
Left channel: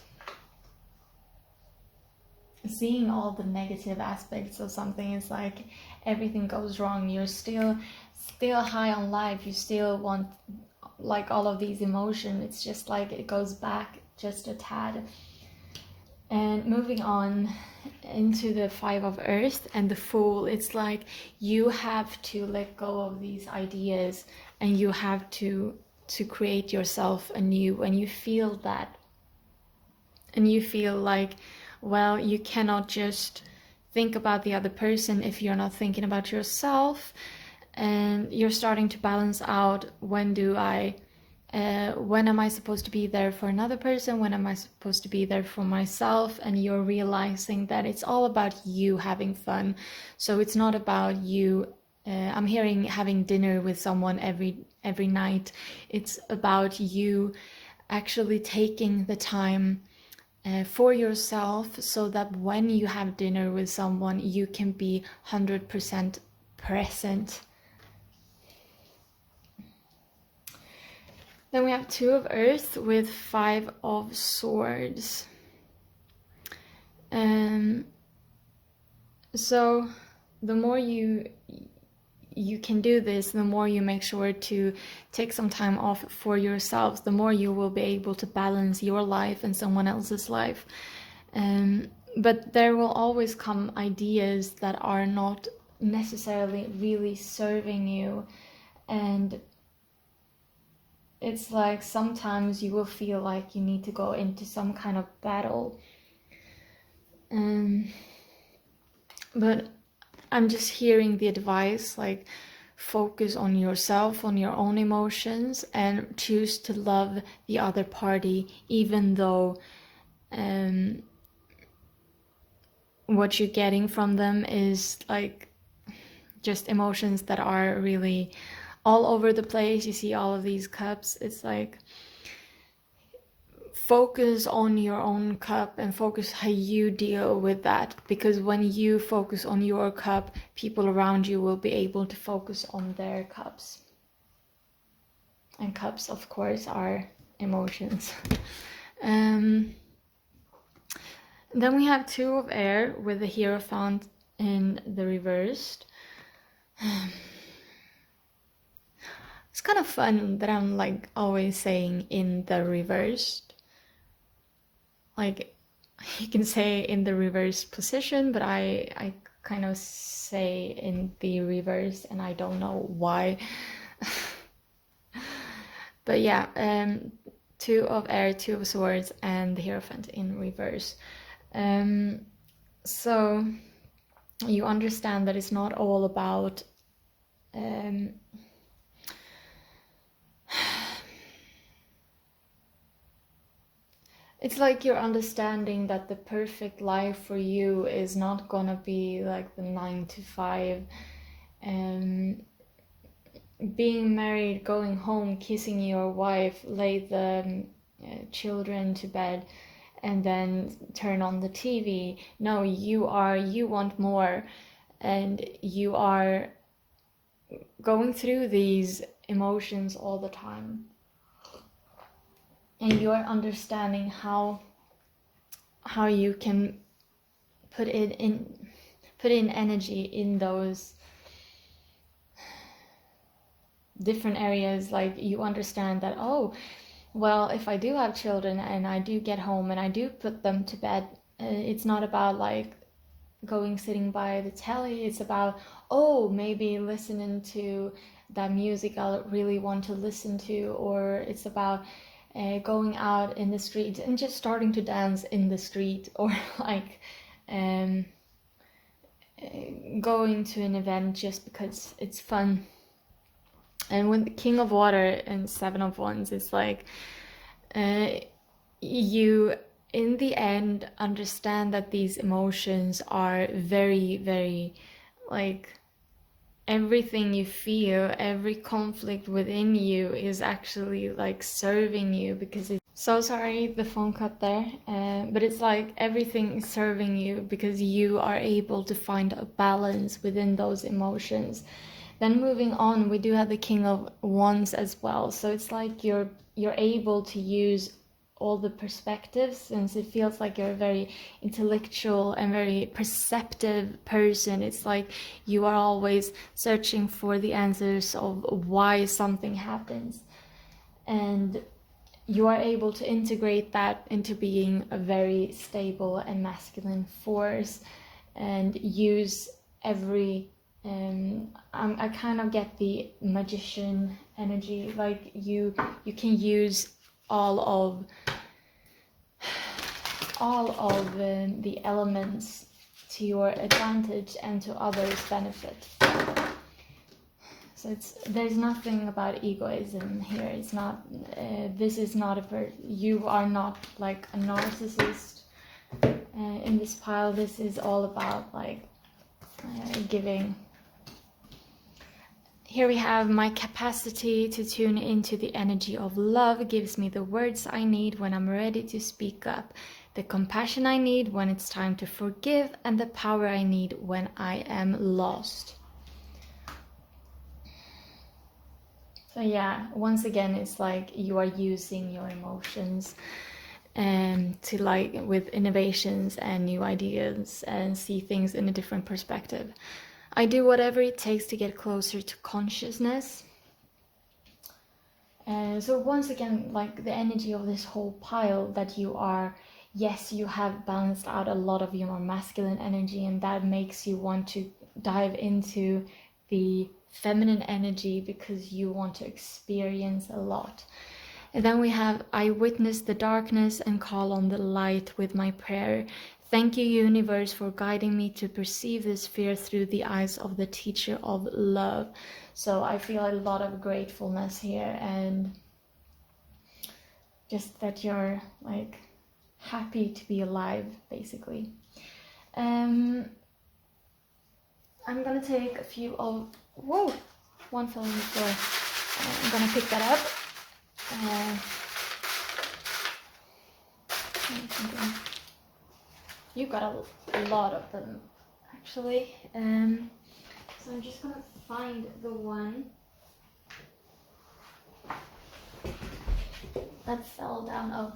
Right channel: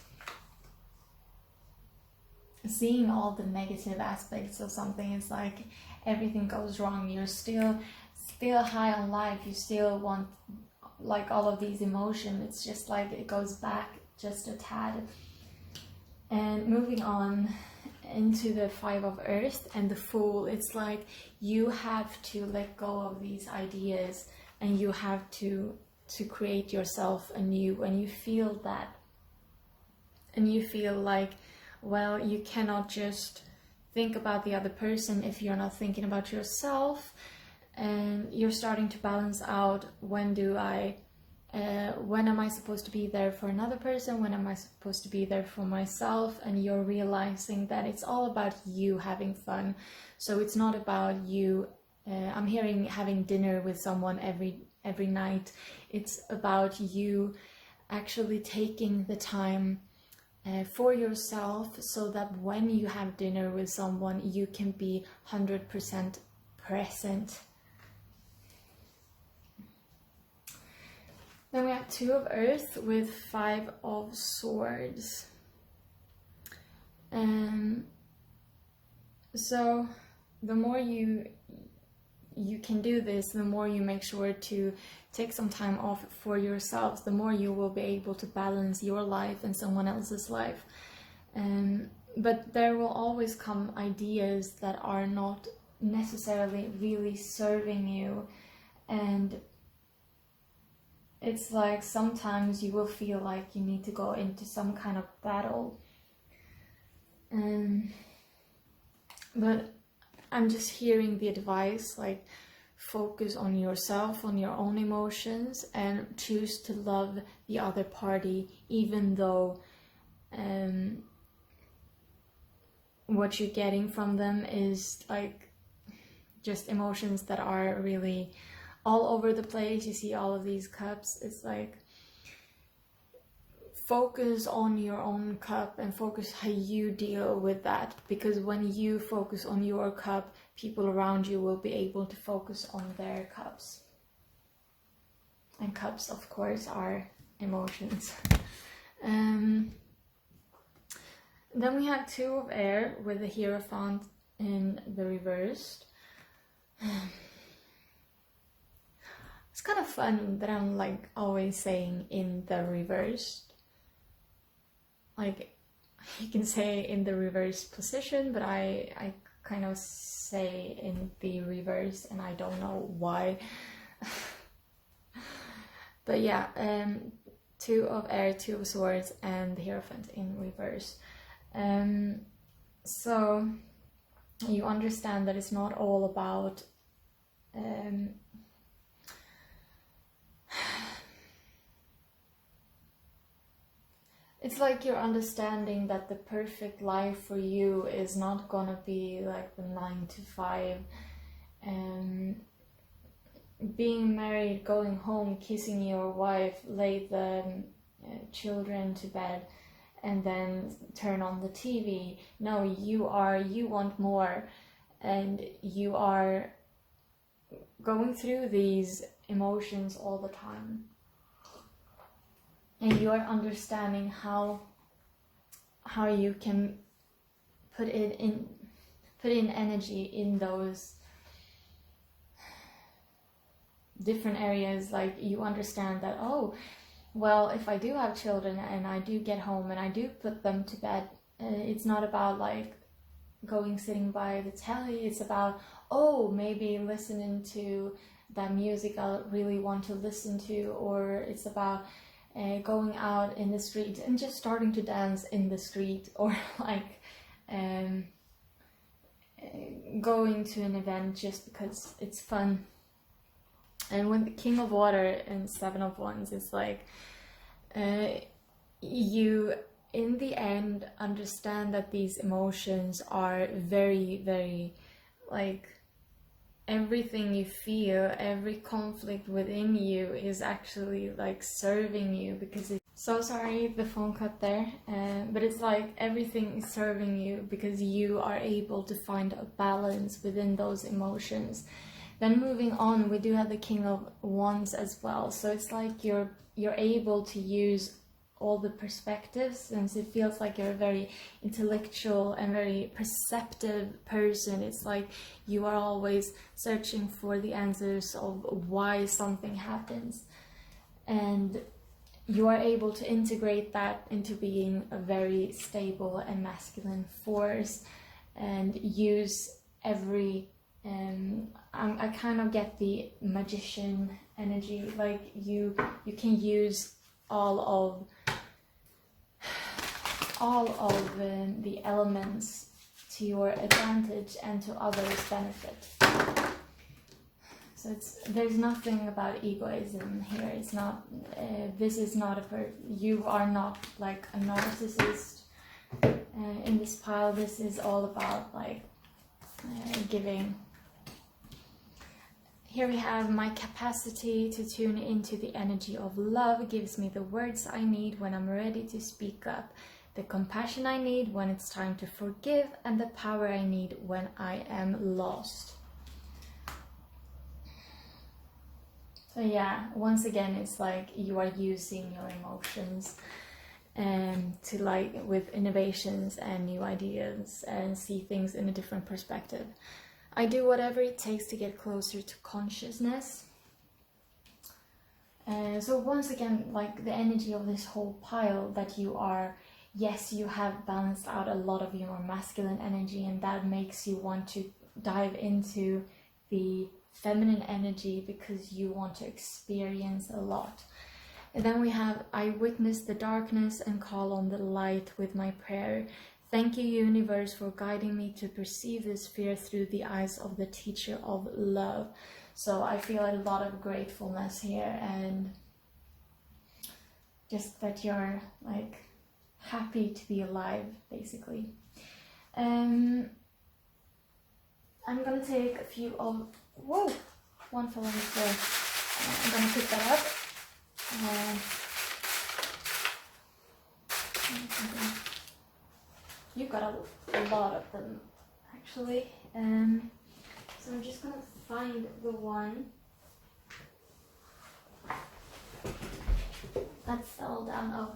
seeing all the negative aspects of something. It's like everything goes wrong. You're still high on life. You still want like all of these emotions. It's just like it goes back just a tad. And moving on into the Five of Earth and the Fool, it's like you have to let go of these ideas and you have to create yourself anew. And you feel that, and you feel like, well, you cannot just think about the other person if you're not thinking about yourself. And you're starting to balance out, when am I supposed to be there for another person? When am I supposed to be there for myself? And you're realizing that it's all about you having fun. So it's not about you. I'm hearing having dinner with someone every night. It's about you actually taking the time for yourself, so that when you have dinner with someone, you can be 100% present. Then we have Two of Earth with Five of Swords. So the more you can do this, the more you make sure to take some time off for yourselves, the more you will be able to balance your life and someone else's life. But there will always come ideas that are not necessarily really serving you. And it's like sometimes you will feel like you need to go into some kind of battle. But I'm just hearing the advice, like, focus on yourself, on your own emotions, and choose to love the other party, even though what you're getting from them is like just emotions that are really all over the place. You see all of these cups. It's like, focus on your own cup and focus how you deal with that, because when you focus on your cup, people around you will be able to focus on their cups. And cups, of course, are emotions. Then we have Two of Air with the Hierophant in the reversed. It's kind of fun that I'm like always saying in the reversed. Like, you can say in the reverse position, but I kind of say in the reverse, and I don't know why. But yeah, Two of Air, Two of Swords, and the Hierophant in reverse. So you understand that it's not all about it's like you're understanding that the perfect life for you is not gonna be like the 9 to 5, being married, going home, kissing your wife, lay the children to bed, and then turn on the TV. No, you want more, and you are going through these emotions all the time. And you are understanding how you can put put in energy in those different areas. Like you understand that, oh, well, if I do have children and I do get home and I do put them to bed, it's not about like going sitting by the telly. It's about, oh, maybe listening to that music I really want to listen to, or it's about going out in the street and just starting to dance in the street, or like going to an event just because it's fun. And with the King of Water and Seven of Wands, it's like you in the end understand that these emotions are very, very, like, everything you feel, every conflict within you is actually like serving you, because it's so sorry the phone cut there, but it's like everything is serving you because you are able to find a balance within those emotions. Then moving on, we do have the King of Wands as well, so it's like you're able to use all the perspectives, since it feels like you're a very intellectual and very perceptive person. It's like you are always searching for the answers of why something happens, and you are able to integrate that into being a very stable and masculine force, and use every I kind of get the magician energy, like you can use all of the elements to your advantage and to others' benefit. So there's nothing about egoism here. It's not this is not you are not like a narcissist in this pile. This is all about like giving. Here we have my capacity to tune into the energy of love gives me the words I need when I'm ready to speak up, the compassion I need when it's time to forgive, and the power I need when I am lost. So yeah, once again, it's like you are using your emotions to like with innovations and new ideas and see things in a different perspective. I do whatever it takes to get closer to consciousness. So once again, like the energy of this whole pile, that you are, yes, you have balanced out a lot of your masculine energy, and that makes you want to dive into the feminine energy because you want to experience a lot. And then we have, I witness the darkness and call on the light with my prayer. Thank you, universe, for guiding me to perceive this fear through the eyes of the teacher of love. So I feel a lot of gratefulness here, and just that you're like happy to be alive, basically. I'm gonna take a few of, whoa, one fell on the floor. I'm gonna pick that up. You got a lot of them, actually. So I'm just gonna find the one that fell down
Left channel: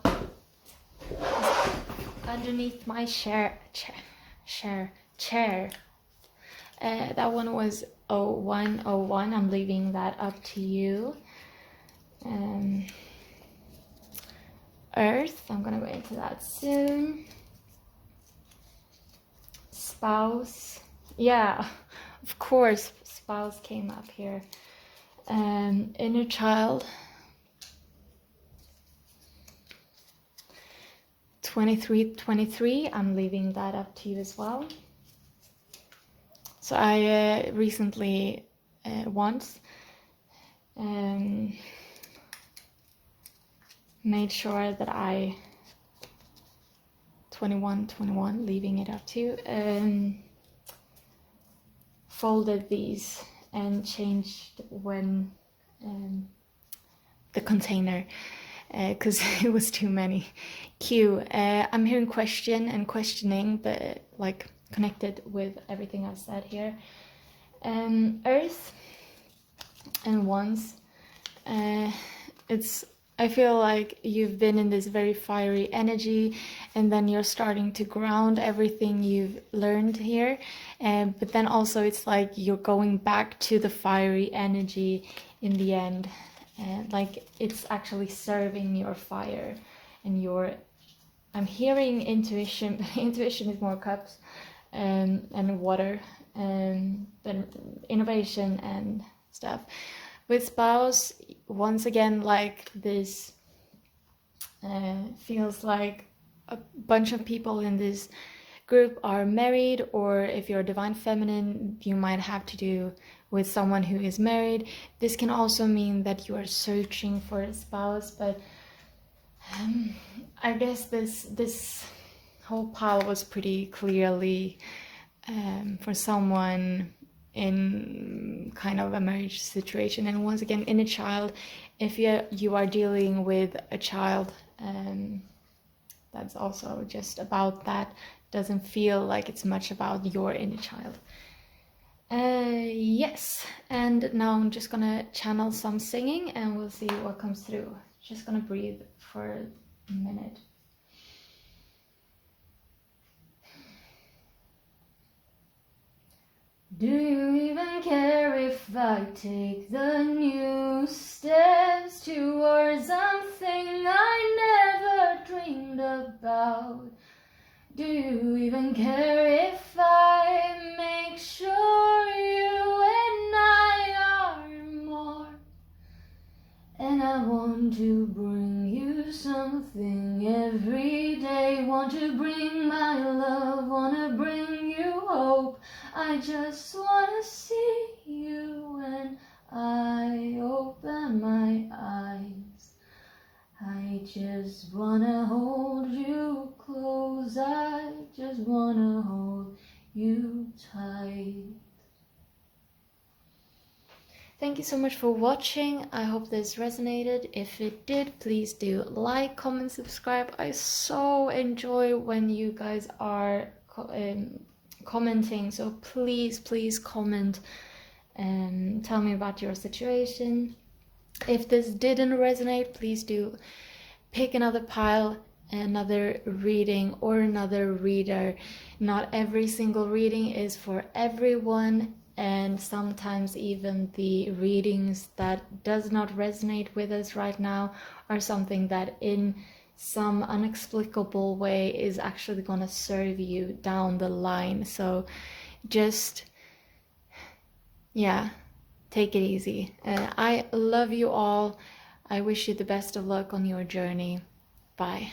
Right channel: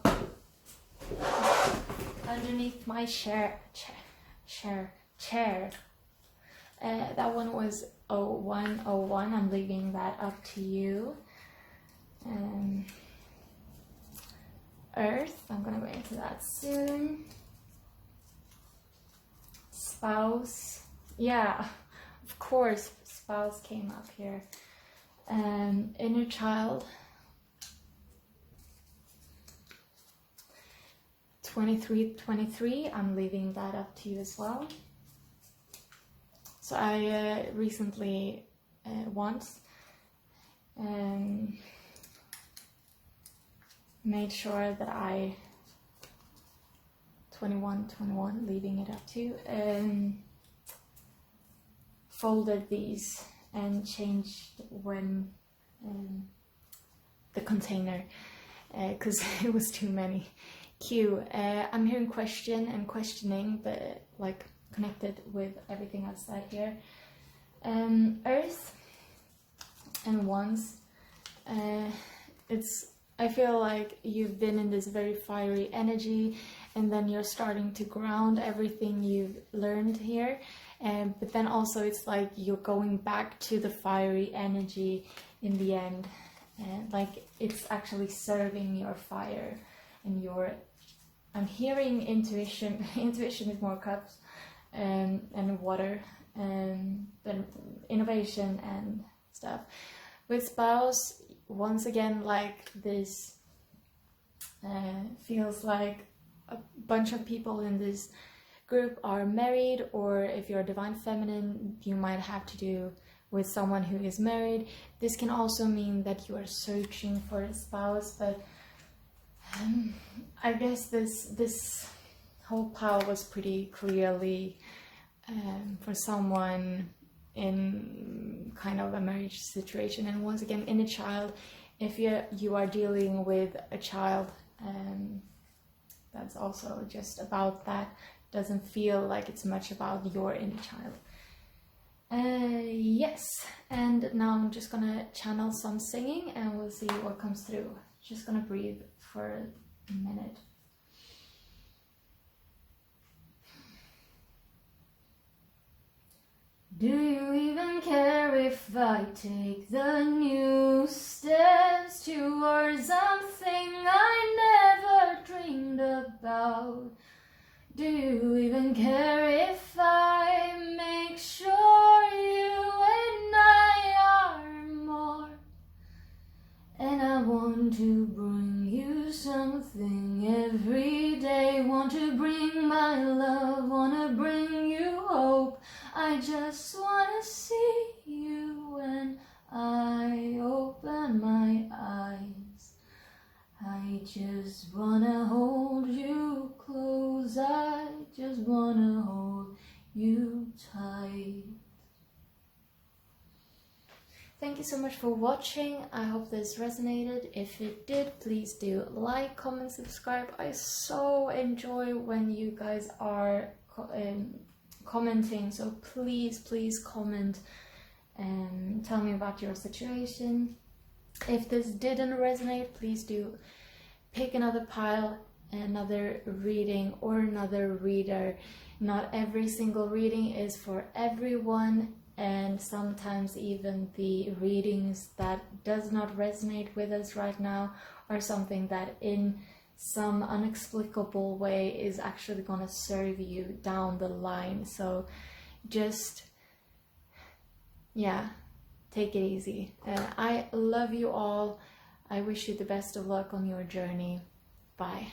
underneath my chair. That one was 0101. I'm leaving that up to you. Earth, I'm gonna go into that soon. Spouse, yeah, of course, spouse came up here. Inner child, 2323, I'm leaving that up to you as well. So I recently once made sure that I 2121, leaving it up to you, folded these and changed when the container, because it was too many. Q, I'm hearing question and questioning, but like connected with everything I've said here. Earth and Wands, it's I feel like you've been in this very fiery energy, and then you're starting to ground everything you've learned here. But then also it's like you're going back to the fiery energy in the end. Like it's actually serving your fire and your... I'm hearing intuition. Intuition is more cups and water, but innovation and stuff. With spouse, once again, like this feels like a bunch of people in this group are married, or if you're divine feminine, you might have to do with someone who is married. This can also mean that you are searching for a spouse, but I guess this whole pile was pretty clearly for someone in kind of a marriage situation. And once again, in a child, if you are dealing with a child, that's also just about that. Doesn't feel like it's much about your inner child. Yes, and now I'm just gonna channel some singing and we'll see what comes through. Just gonna breathe for a minute. Do you even care if I take the new steps towards something I never dreamed about? Do you even care if I make sure you and I are more? And I want to bring you something every day. Want to bring my love, wanna bring you hope. I just wanna see you when I open my eyes. I just wanna hold you close. I just wanna hold you tight. Thank you so much for watching. I hope this resonated. If it did, please do like, comment, subscribe. I so enjoy when you guys are commenting, so please comment and tell me about your situation. If this didn't resonate, please do pick another pile, another reading, or another reader. Not every single reading is for everyone, and sometimes even the readings that does not resonate with us right now are something that in some inexplicable way is actually going to serve you down the line. So just, yeah, take it easy. I love you all. I wish you the best of luck on your journey. Bye.